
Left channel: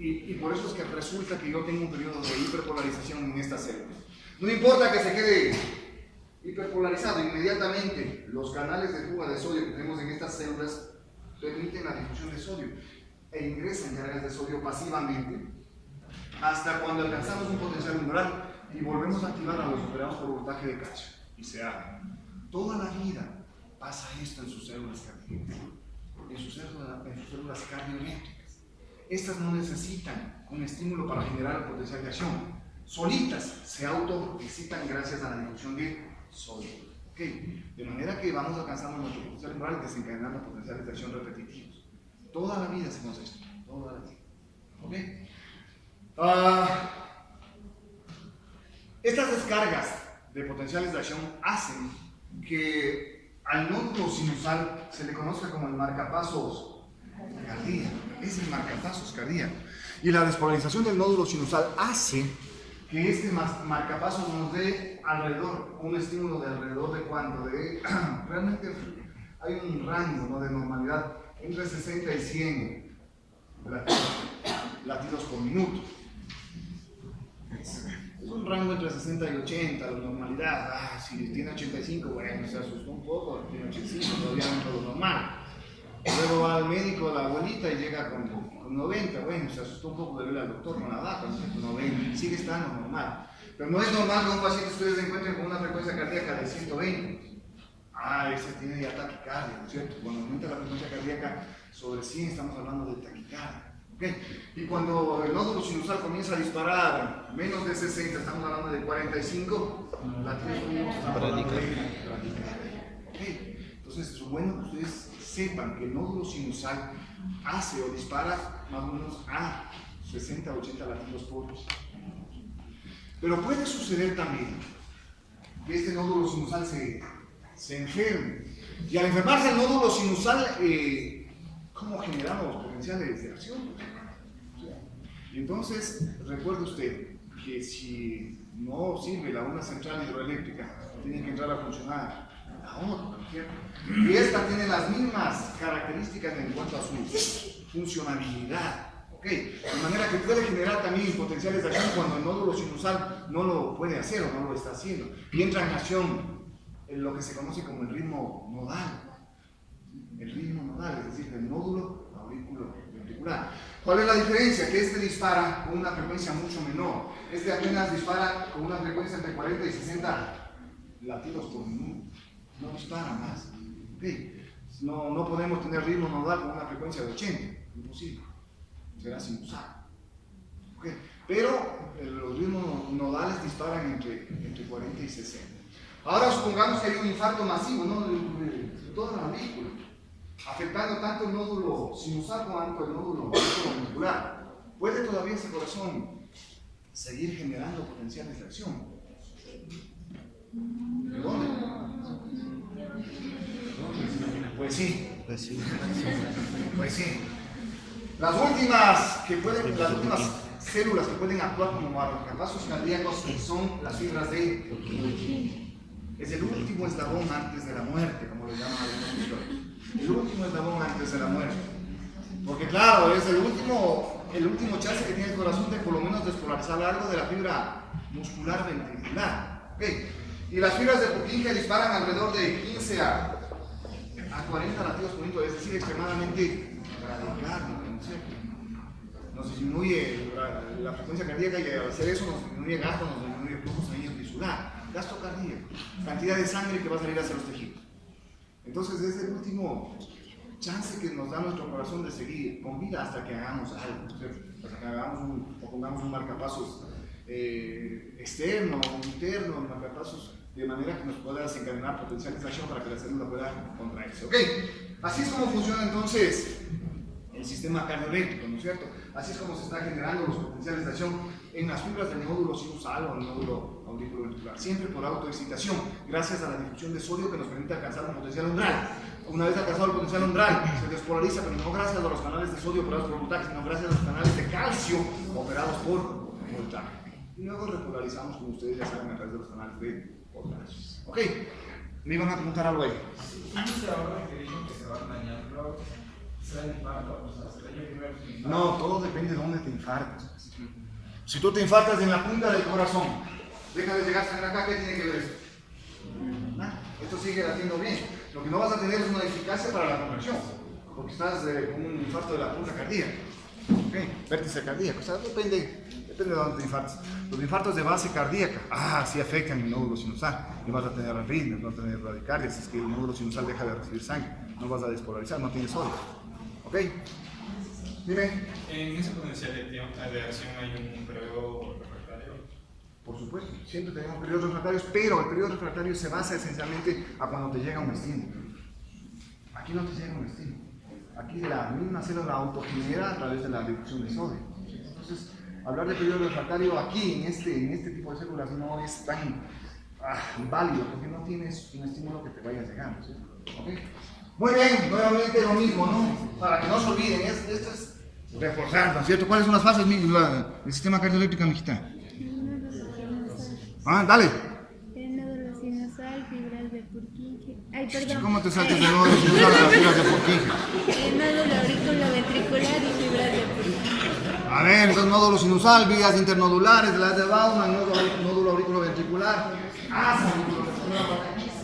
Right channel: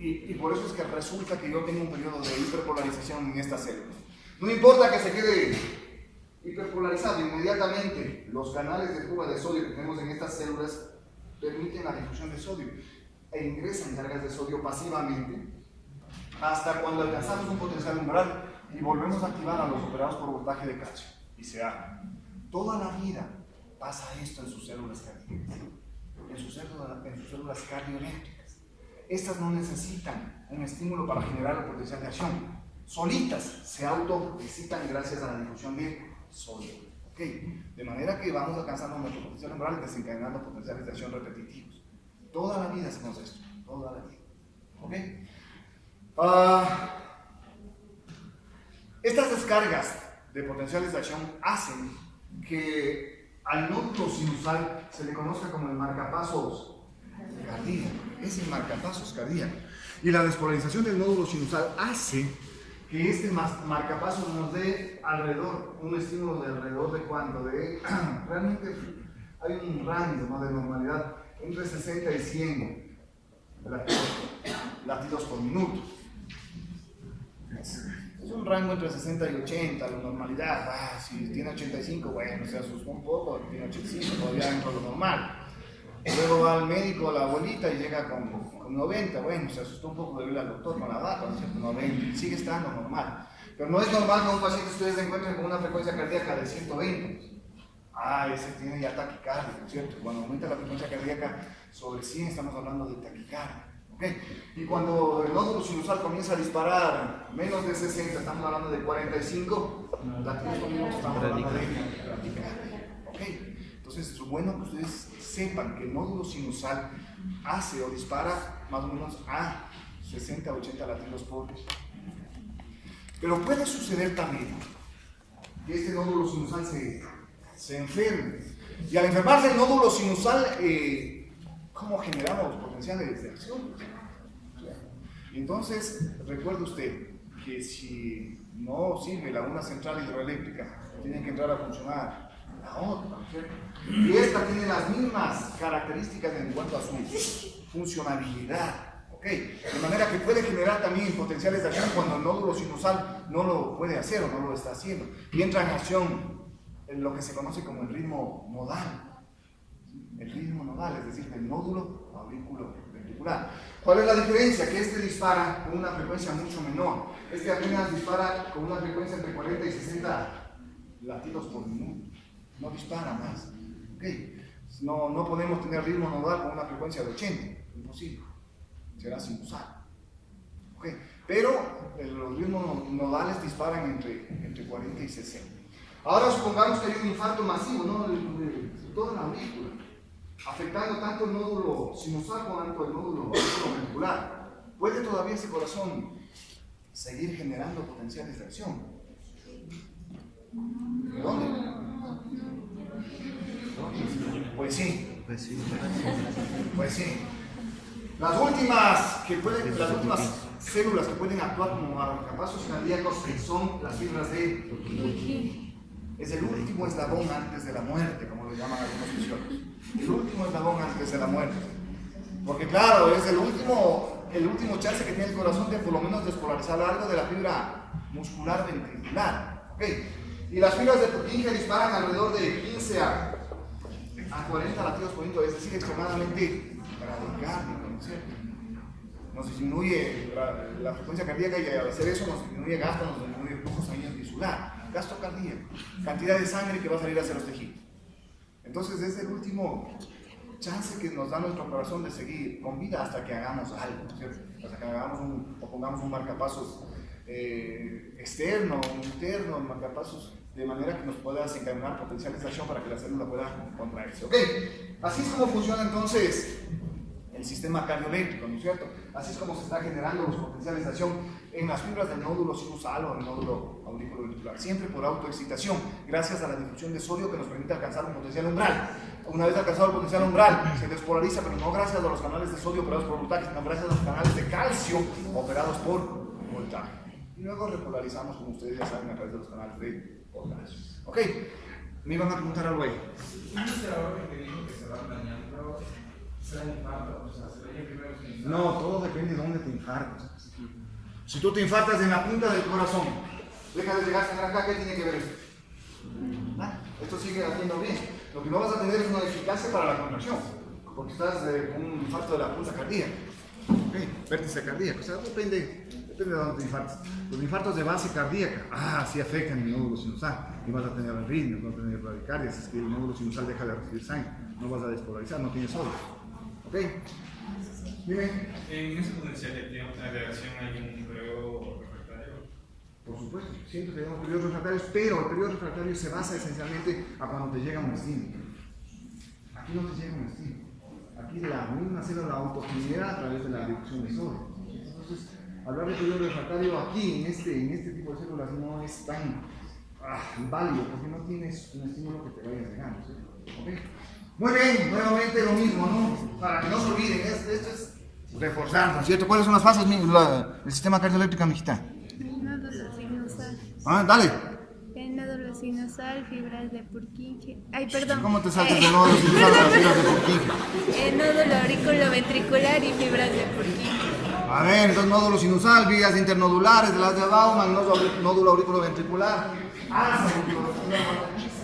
y por eso es que resulta que yo tengo un periodo de hiperpolarización en estas células. No importa que se quede hiperpolarizado, inmediatamente los canales de fuga de sodio que tenemos en estas células permiten la difusión de sodio e ingresan cargas de sodio pasivamente hasta cuando alcanzamos un potencial umbral y volvemos a activar a los operados por voltaje de calcio y se abre. Toda la vida pasa esto en sus células cardíacas, en sus células cardioeléctricas. Estas no necesitan un estímulo para generar el potencial de acción. Solitas se autoexcitan gracias a la difusión de sodio. ¿Okay? De manera que vamos alcanzando nuestro potencial umbral y desencadenando potenciales de acción repetitivos. Toda la vida hacemos esto, toda la vida. ¿Okay? Estas descargas de potenciales de acción hacen que al nódulo sinusal se le conozca como el marcapasos cardíaco. Es el marcapasos cardíaco. Y la despolarización del nódulo sinusal hace que este marcapasos nos dé alrededor, un estímulo de alrededor de cuánto, realmente hay un rango, ¿no?, de normalidad entre 60 y 100 latidos por minuto. Es un rango entre 60 y 80, la normalidad. Si tiene 85, bueno, se asustó un poco, tiene 85, todavía dentro de lo normal. Luego va al médico, la abuelita, y llega con 90, bueno, se asustó un poco de ver al doctor con la vaca, 90, sigue estando normal. Pero no es normal que un paciente ustedes encuentren con una frecuencia cardíaca de 120. Ese tiene ya taquicardia, ¿no es cierto? Cuando aumenta la frecuencia cardíaca sobre 100 estamos hablando de taquicardia. ¿Okay? Y cuando el nódulo sinusal comienza a disparar menos de 60, estamos hablando de 45, latidos por minuto, estamos hablando de taquicardia. ¿Okay? Entonces es bueno que ustedes sepan que el nódulo sinusal hace o dispara más o menos a 60 o 80 latidos por minuto. Pero puede suceder también que este nódulo sinusal se enferme. Y al enfermarse el nódulo sinusal, ¿cómo generamos potenciales de acción? Entonces, recuerde usted que si no sirve la una central hidroeléctrica, tiene que entrar a funcionar la otra, ¿cierto? Y esta tiene las mismas características en cuanto a su funcionalidad. ¿Okay? De manera que puede generar también potenciales de acción cuando el nódulo sinusal no lo puede hacer o no lo está haciendo. Y entra en acción en lo que se conoce como el ritmo nodal. El ritmo nodal, es decir, del nódulo auriculoventricular. ¿Cuál es la diferencia? Que este dispara con una frecuencia mucho menor. Este apenas dispara con una frecuencia entre 40 y 60 latidos por minuto. No dispara más. ¿Okay? No podemos tener ritmo nodal con una frecuencia de 80. Imposible. Será sinusal. ¿Okay? Pero los ritmos nodales disparan entre 40 y 60. Ahora supongamos que hay un infarto masivo, ¿no?, de toda la aurícula, afectando tanto el nódulo sinusal como el nódulo auriculoventricular. ¿Puede todavía ese corazón seguir generando potenciales de acción? ¿Dónde? Pues sí. Pues sí. Las últimas células que pueden actuar como marcapasos cardíacos son las fibras de Purkinje. Es el último eslabón antes de la muerte, como lo llaman algunos fisiólogos. El último eslabón antes de la muerte. Porque claro, es el último chance que tiene el corazón de por lo menos despolarizar algo de la fibra muscular ventricular. ¿Okay? Y las fibras de Purkinje disparan alrededor de 15 a 40 latidos por minuto, es decir, extremadamente radical. Nos disminuye la frecuencia cardíaca y al hacer eso nos disminuye gasto, nos disminuye el flujo sanguíneo tisular, gasto cardíaco, cantidad de sangre que va a salir hacia los tejidos. Entonces es el último chance que nos da nuestro corazón de seguir con vida hasta que hagamos algo, ¿cierto? Hasta que hagamos o pongamos un marcapasos externo, interno, marcapasos de manera que nos pueda desencadenar potenciales de acción para que la célula pueda contraerse. ¿Ok? Así es como funciona entonces el sistema cardioeléctrico, ¿no es cierto? Así es como se están generando los potenciales de acción en las fibras del nódulo sinusal o del nódulo auriculoventricular, siempre por autoexcitación, gracias a la difusión de sodio que nos permite alcanzar un potencial umbral. Una vez alcanzado el potencial umbral, se despolariza, pero no gracias a los canales de sodio operados por voltaje, sino gracias a los canales de calcio operados por voltaje. Y luego repolarizamos, como ustedes ya saben, a través de los canales de potasio. ¿Ok? ¿Me iban a preguntar algo ahí? No, todo depende de dónde te infartas. Si tú te infartas en la punta del corazón, deja de llegar sangre acá, ¿qué tiene que ver esto? Nada, esto sigue haciendo bien. Lo que no vas a tener es una eficacia para la contracción, porque estás con un infarto de la punta cardíaca. Okay. Vértice cardíaco, o sea, depende de dónde te infartas. Los infartos de base cardíaca, sí afectan el nódulo sinusal. Y vas a tener arritmias, vas a tener bradicardia, si es que el nódulo sinusal deja de recibir sangre. No vas a despolarizar, no tienes sodio. ¿Ok? Dime. En esa potencial de acción hay un periodo refractario. Por supuesto, siempre tenemos periodos refractarios, pero el periodo refractario se basa esencialmente a cuando te llega un estímulo. Aquí no te llega un estímulo. Aquí la misma célula autogenera a través de la reducción de sodio. Entonces, hablar de periodo refractario aquí, en este tipo de células, no es tan válido, porque no tienes un estímulo que te vaya llegando. ¿Sí? ¿Okay? Muy bien, nuevamente lo mismo, ¿no? Para que no se olviden, esto es reforzando, ¿cierto? ¿Cuáles son las fases del sistema cardioeléctrico, mijita? Nódulo sinusal. Dale. El nódulo sinusal, fibras de Purkinje. Ay, perdón. ¿Cómo te saltas del nódulo sinusal a las fibras de Purkinje? El nódulo auriculoventricular y fibras de Purkinje. A ver, entonces nódulo sinusal, vías internodulares de las de Baumann, nódulo auriculoventricular, asa auriculoventricular,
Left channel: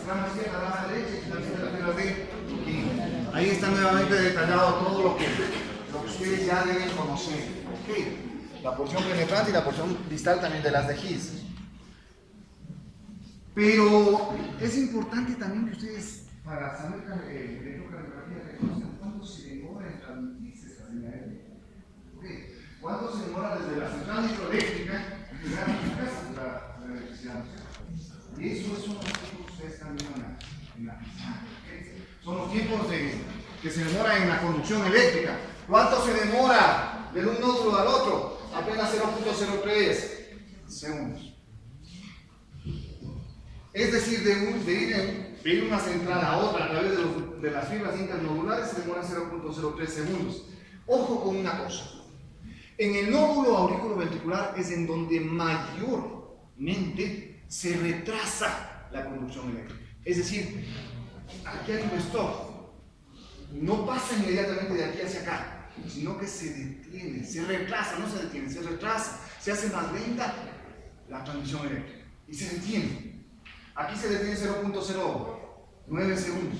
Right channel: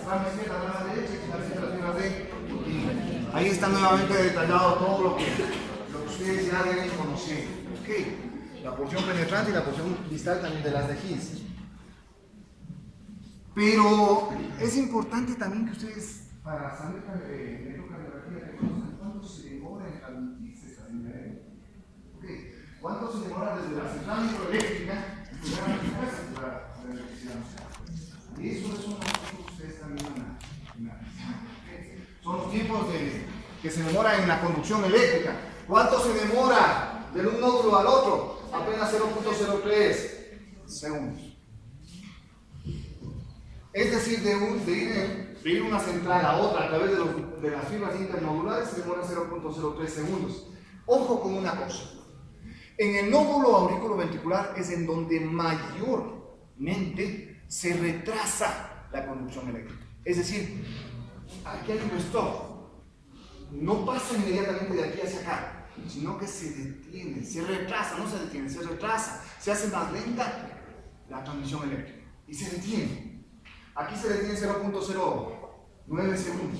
rama izquierda, rama derecha y finalmente las fibras de Purkinje. Ahí está nuevamente detallado todo lo que ustedes ya deben conocer. Ok, la porción penetrante y la porción distal también de las de His. Pero es importante también que ustedes, para saber electrocardiografía, conozcan cuánto se demora en transmitirse esa señal. Okay. ¿Cuánto se demora desde la central hidroeléctrica hasta llegar a las casas de la electricidad? Y eso es un concepto que ustedes están viendo en la okay. Son los tiempos que se demora en la conducción eléctrica. ¿Cuánto se demora de un nódulo al otro? Apenas 0.03 segundos. Es decir, de ir una central a otra a través de las fibras internodulares se demora 0.03 segundos. Ojo con una cosa. En el nódulo auriculoventricular es en donde mayormente se retrasa la conducción eléctrica. Es decir, aquí hay un stop. No pasa inmediatamente de aquí hacia acá, sino que se detiene, se retrasa, no se detiene, se retrasa, se hace más lenta la transmisión eléctrica y se detiene. Aquí se detiene 0.09 segundos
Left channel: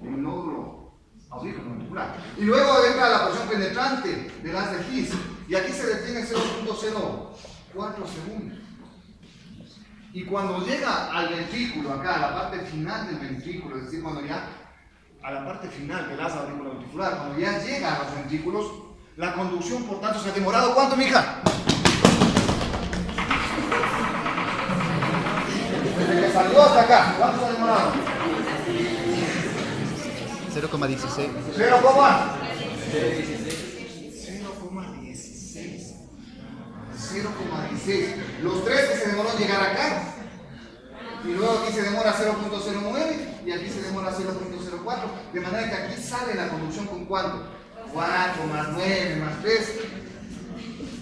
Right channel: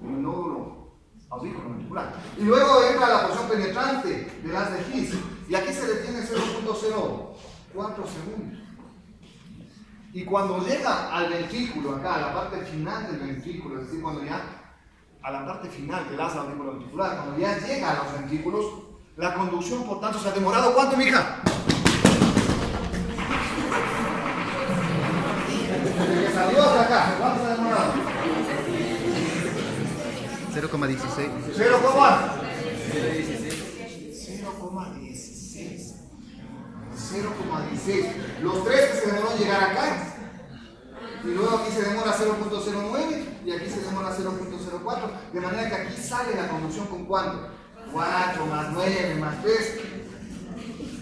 en el nódulo auriculoventricular. Y luego entra la porción penetrante de las de His y aquí se detiene 0.04 segundos. Y cuando llega al ventrículo, acá a la parte final del ventrículo, es decir, cuando ya a la parte final del asa auriculoventricular, cuando ya llega a los ventrículos, la conducción, por tanto, se ha demorado. ¿Cuánto, mija? Desde que salió hasta acá, ¿cuánto se ha demorado? 0,16. 0,16. Los tres que se demoró en llegar acá. Y luego aquí se demora 0.09 y aquí se demora 0.04. De manera que aquí sale la conducción con ¿cuánto? 4 más 9 más 3.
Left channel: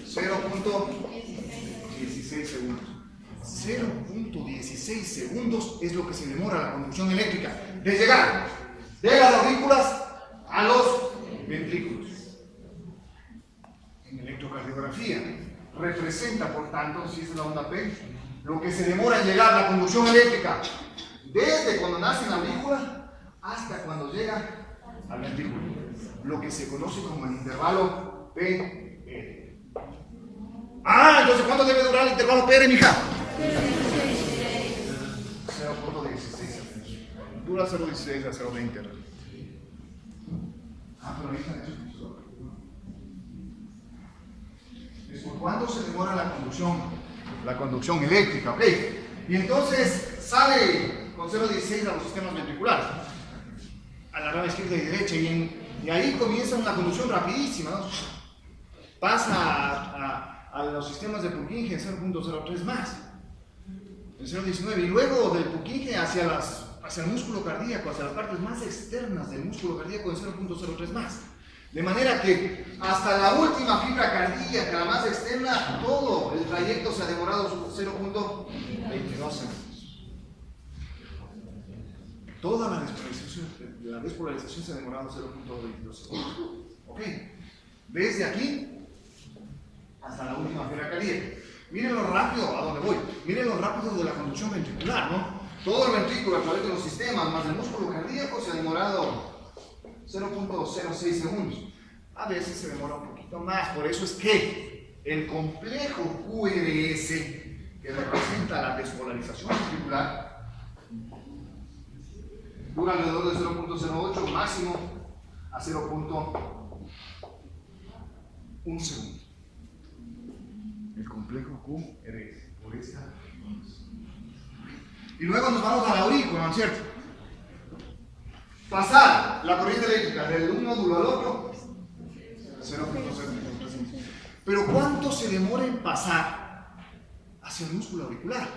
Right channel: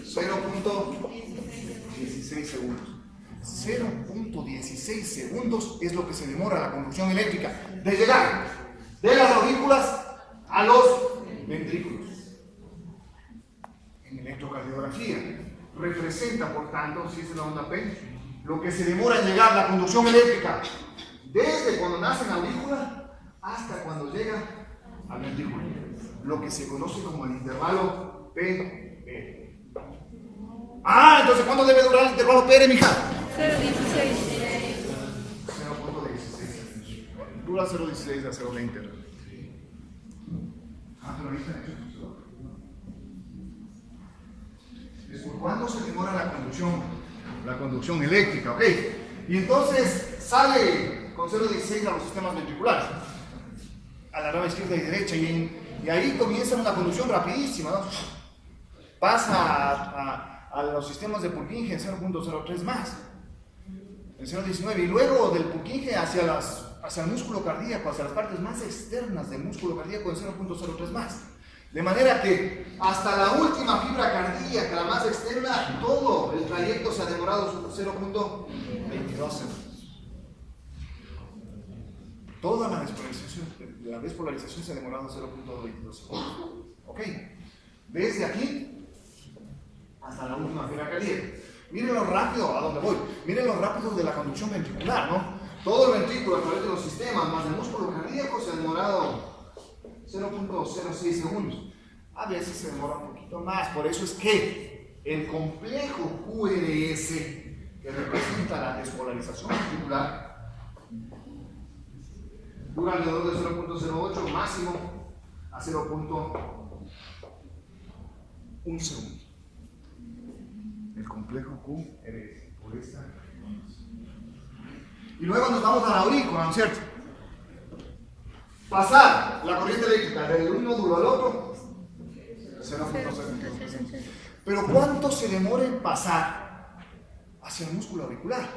0.16 segundos. 0.16 segundos es lo que se demora la conducción eléctrica de llegar de las aurículas a los ventrículos. En electrocardiografía representa, por tanto, si es la onda P, lo que se demora en llegar la conducción eléctrica desde cuando nace en la aurícula hasta cuando llega al ventrículo, lo que se conoce como el intervalo PR. Entonces, ¿cuánto debe durar el intervalo PR, mija? 0.16. Dura 0.16 a 0.20. Pero ahorita en eso es por cuánto se demora la conducción eléctrica, ¿ok? Y entonces sale con 0.16 a los sistemas ventriculares, a la rama izquierda y derecha, y ahí comienza una conducción rapidísima, ¿no? Pasa a los sistemas de Purkinje en 0.03 más, en 0.19, y luego del Purkinje hacia el músculo cardíaco, hacia las partes más externas del músculo cardíaco en 0.03 más. De manera que hasta la última fibra cardíaca, la más externa, todo el trayecto se ha demorado 0.22 segundos. Toda la despolarización se ha demorado 0.22 segundos. ¿Ok? Desde aquí hasta la última fibra cardíaca. Miren lo rápido, ¿a dónde voy? Miren lo rápido de la conducción ventricular, ¿no? Todo el ventrículo a través de los sistemas más el músculo cardíaco se ha demorado 0.06 segundos. A veces se demora un poquito más, por eso es que el complejo QRS, que representa la despolarización ventricular, dura alrededor de 0.08, máximo a 0.1 segundo. El complejo QRS, por esta. Y luego nos vamos a la aurícula, ¿no es cierto? Pasar la corriente eléctrica de un nódulo al otro, 0.0. Pero ¿cuánto se demora en pasar hacia el músculo auricular?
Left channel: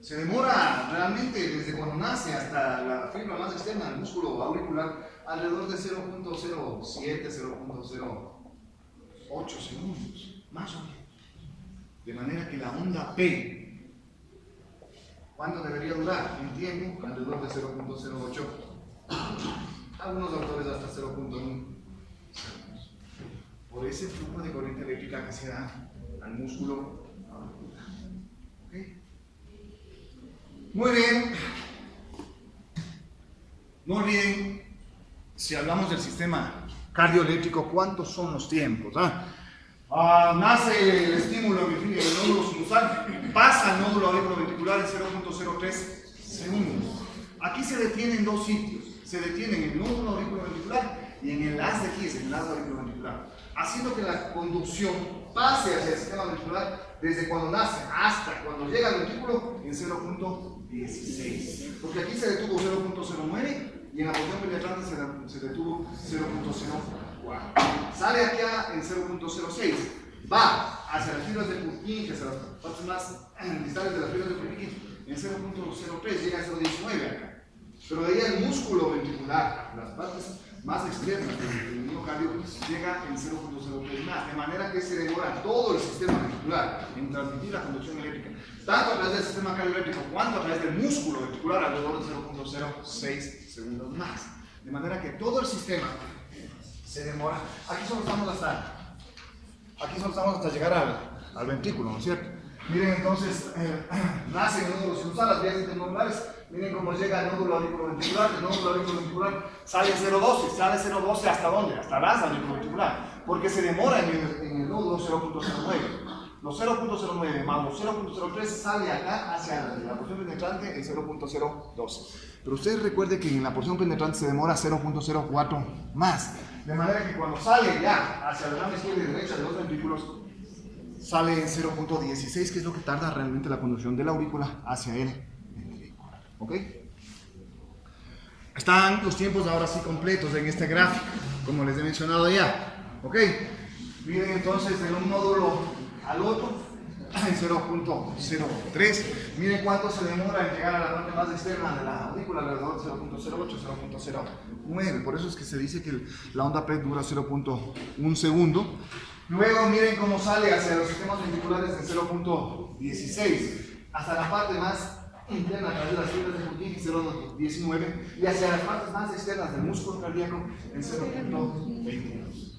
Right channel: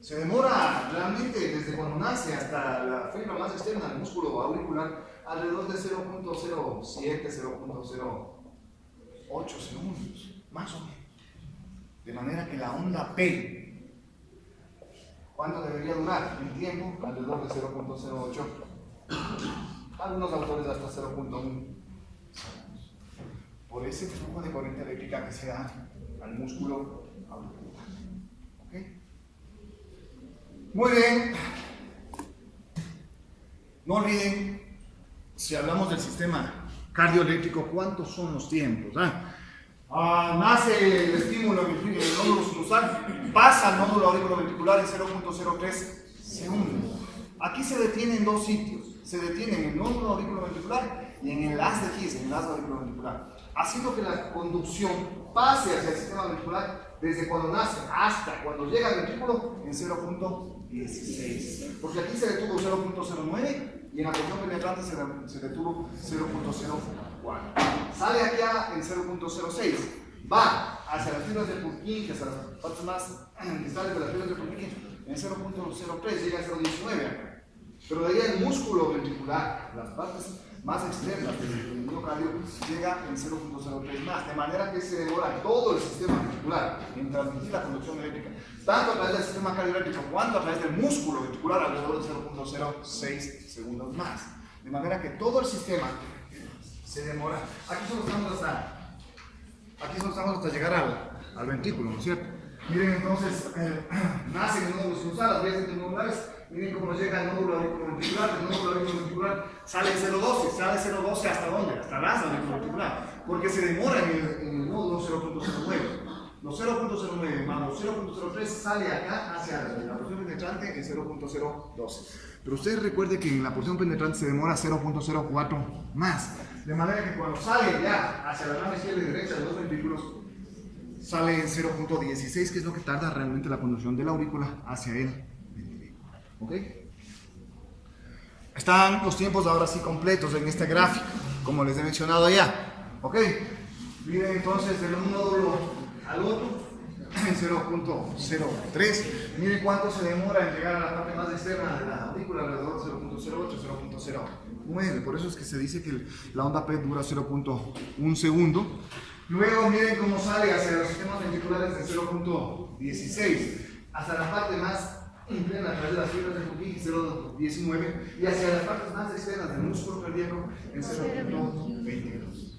Se demora realmente desde cuando nace hasta la fibra más externa del músculo auricular alrededor de 0.07, 0.08 segundos, más o menos. De manera que la onda P, ¿cuánto debería durar? En tiempo, alrededor de 0.08. Algunos autores hasta 0.1. Por ese flujo de corriente eléctrica que se da al músculo auricular. ¿Ok? Muy bien. No olviden, si hablamos del sistema cardioeléctrico, ¿cuántos son los tiempos? Nace el estímulo en el nódulo sinusal, pasa al nódulo auriculoventricular en 0.03 segundos. Aquí se detiene en dos sitios. Se detiene en el nódulo auriculoventricular y en el haz de His, en el haz auriculoventricular, haciendo que la conducción pase hacia el sistema ventricular desde cuando nace hasta cuando llega al ventrículo en 0.16. Porque aquí se detuvo 0.09 y en la porción penetrante se detuvo 0.04. Sale aquí en 0.06. Va hacia las fibras de Purkinje, hacia las partes más distales de las fibras de Purkinje en 0.03, llega a 0.19 acá. Pero de ahí el músculo ventricular, las partes más externas del miocardio, llega en 0.03 más, de manera que se demora todo el sistema ventricular en transmitir la conducción eléctrica, tanto a través del sistema cardioeléctrico cuanto a través del músculo ventricular, alrededor de 0.06 segundos más. De manera que todo el sistema se demora. Aquí solo estamos hasta llegar al ventrículo, ¿no es cierto? Miren entonces, nace el nódulo sinusal, las vías internodulares. Miren cómo llega el nódulo auriculoventricular. El nódulo auriculoventricular sale en 0.12. ¿Sale 0.12 hasta dónde? Hasta el asa auriculoventricular. Porque se demora en el nódulo 0.09. Los 0.09 más los 0.03 sale acá hacia la porción penetrante en 0.012. Pero ustedes recuerden que en la porción penetrante se demora 0.04 más. De manera que cuando sale ya hacia la rama izquierda y derecha de los ventrículos, sale en 0.16, que es lo que tarda realmente la conducción de la aurícula hacia el ventrículo. ¿Ok? Están los tiempos ahora sí completos en este gráfico, como les he mencionado ya. ¿Ok? Miren entonces de un nódulo al otro en 0.03. Miren cuánto se demora en llegar a la parte más externa de la aurícula, alrededor de 0.08, 0.09. Por eso es que se dice que la onda P dura 0.1 segundo. Luego miren cómo sale hacia los sistemas ventriculares en 0.16, hasta la parte más interna a través de las fibras de Purkinje 0.19 y hacia las partes más externas del músculo cardíaco en 0.22.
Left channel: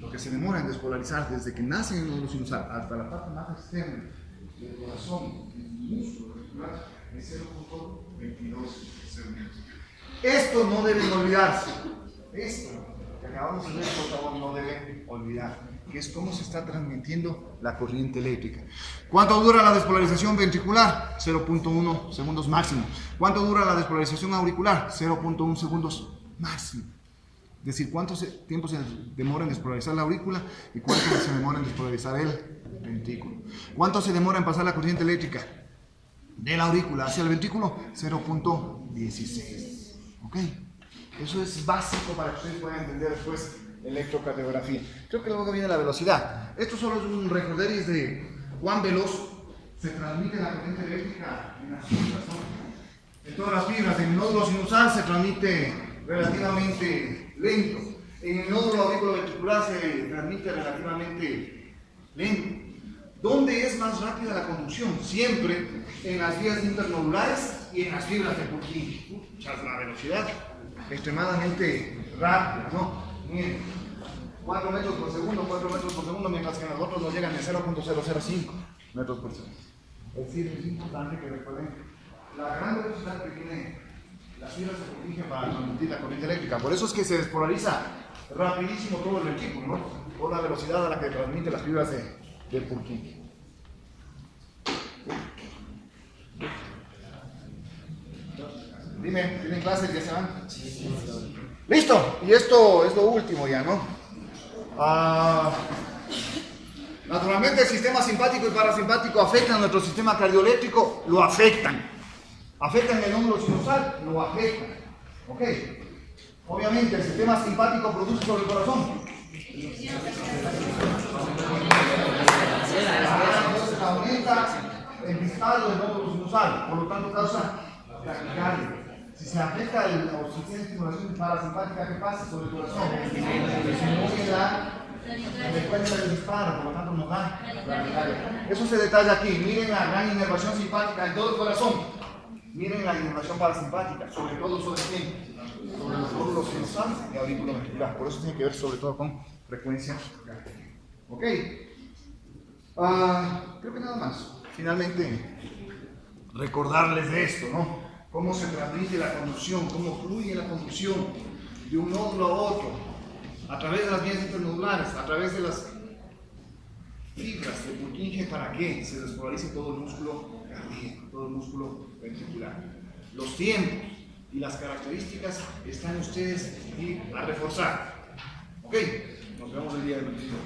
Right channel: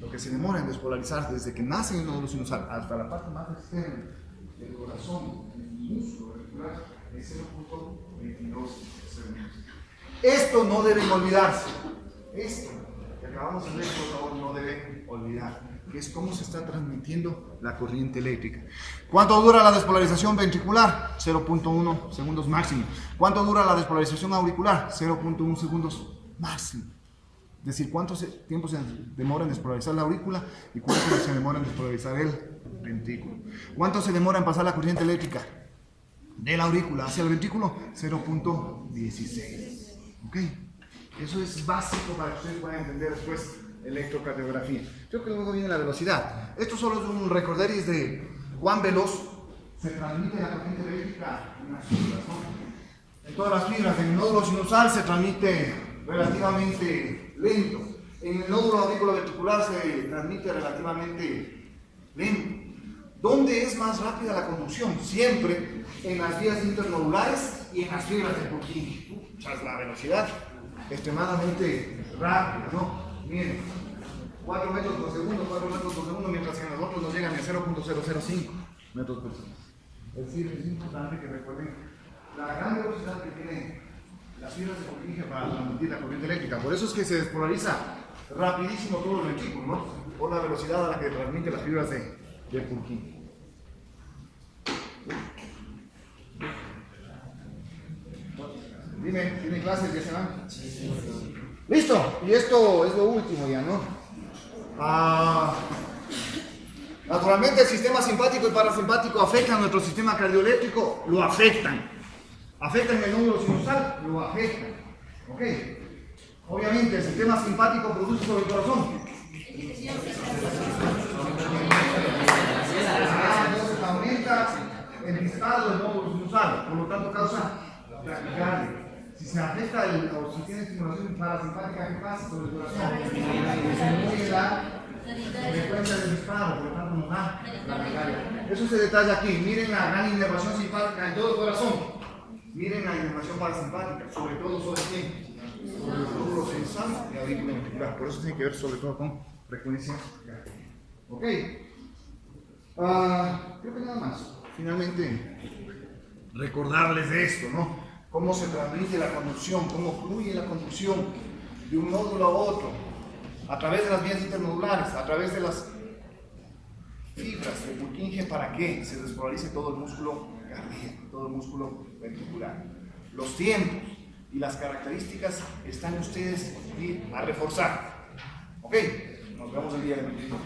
Lo que se demora en despolarizar desde que nace el nódulo sinusal hasta la parte más externa del corazón, del músculo ventricular, es 0.22 segundos. Esto no deben olvidarse. Esto que acabamos de ver, por favor, no deben olvidar, que es cómo se está transmitiendo la corriente eléctrica. ¿Cuánto dura la despolarización ventricular? 0.1 segundos máximo. ¿Cuánto dura la despolarización auricular? 0.1 segundos máximo. Es decir, cuánto tiempo se demora en despolarizar la aurícula y cuánto se demora en despolarizar el ventrículo. ¿Cuánto se demora en pasar la corriente eléctrica de la aurícula hacia el ventrículo? 0.16. ¿Ok? Eso es básico para que ustedes puedan entender después electrocardiografía. Creo que luego viene la velocidad. Esto solo es un recorderis de cuán veloz se transmite la corriente eléctrica en las fibras, ¿no? En todas las fibras. En el nódulo sinusal se transmite relativamente lento. En el nódulo auriculoventricular se transmite relativamente lento. ¿Dónde es más rápida la conducción? Siempre en las vías internodulares y en las fibras de Purkinje. O sea, la velocidad extremadamente rápida, ¿no? Miren, 4 metros por segundo, mientras que en los otros nos llegan a 0.005. metros por segundo. Es decir, es importante que recuerden la gran velocidad que tiene las fibras de Purkinje para transmitir la corriente eléctrica. Por eso es que se despolariza rapidísimo todo el vehículo, ¿no? Por la velocidad a la que transmite las fibras de Purkinje. Dime, ¿tienen clases? ¿Ya se van? ¡Listo! Y esto es lo último ya, ¿no? Naturalmente el sistema simpático y parasimpático afectan nuestro sistema cardioeléctrico, lo afectan. Afectan el núcleo sinusal, lo afectan. ¿Ok? Obviamente el sistema simpático produce sobre el corazón. Entonces aumenta el disparo del nódulo sinusal, por lo tanto causa taquicardia. Si se afecta o si tiene estimulación parasimpática, ¿qué pasa sobre el corazón? Disminuye la frecuencia del disparo, por lo tanto nos da la taquicardia. Eso se detalla aquí. Miren la gran inervación simpática en todo el corazón. Miren la inervación parasimpática, sobre todo sobre quién? Sobre los nódulos sinusales y aurícula ventricular. Por eso tiene que ver sobre todo con frecuencia cardíaca. ¿Ok? Creo que nada más. Finalmente, recordarles de esto, ¿no? Cómo se transmite la conducción, cómo fluye la conducción de un nódulo a otro, a través de las vías internodulares, a través de las fibras de Purkinje, para que se despolarice todo el músculo cardíaco, todo el músculo ventricular. Los tiempos y las características están ustedes a reforzar. ¿Ok? Nos vemos el día de mañana.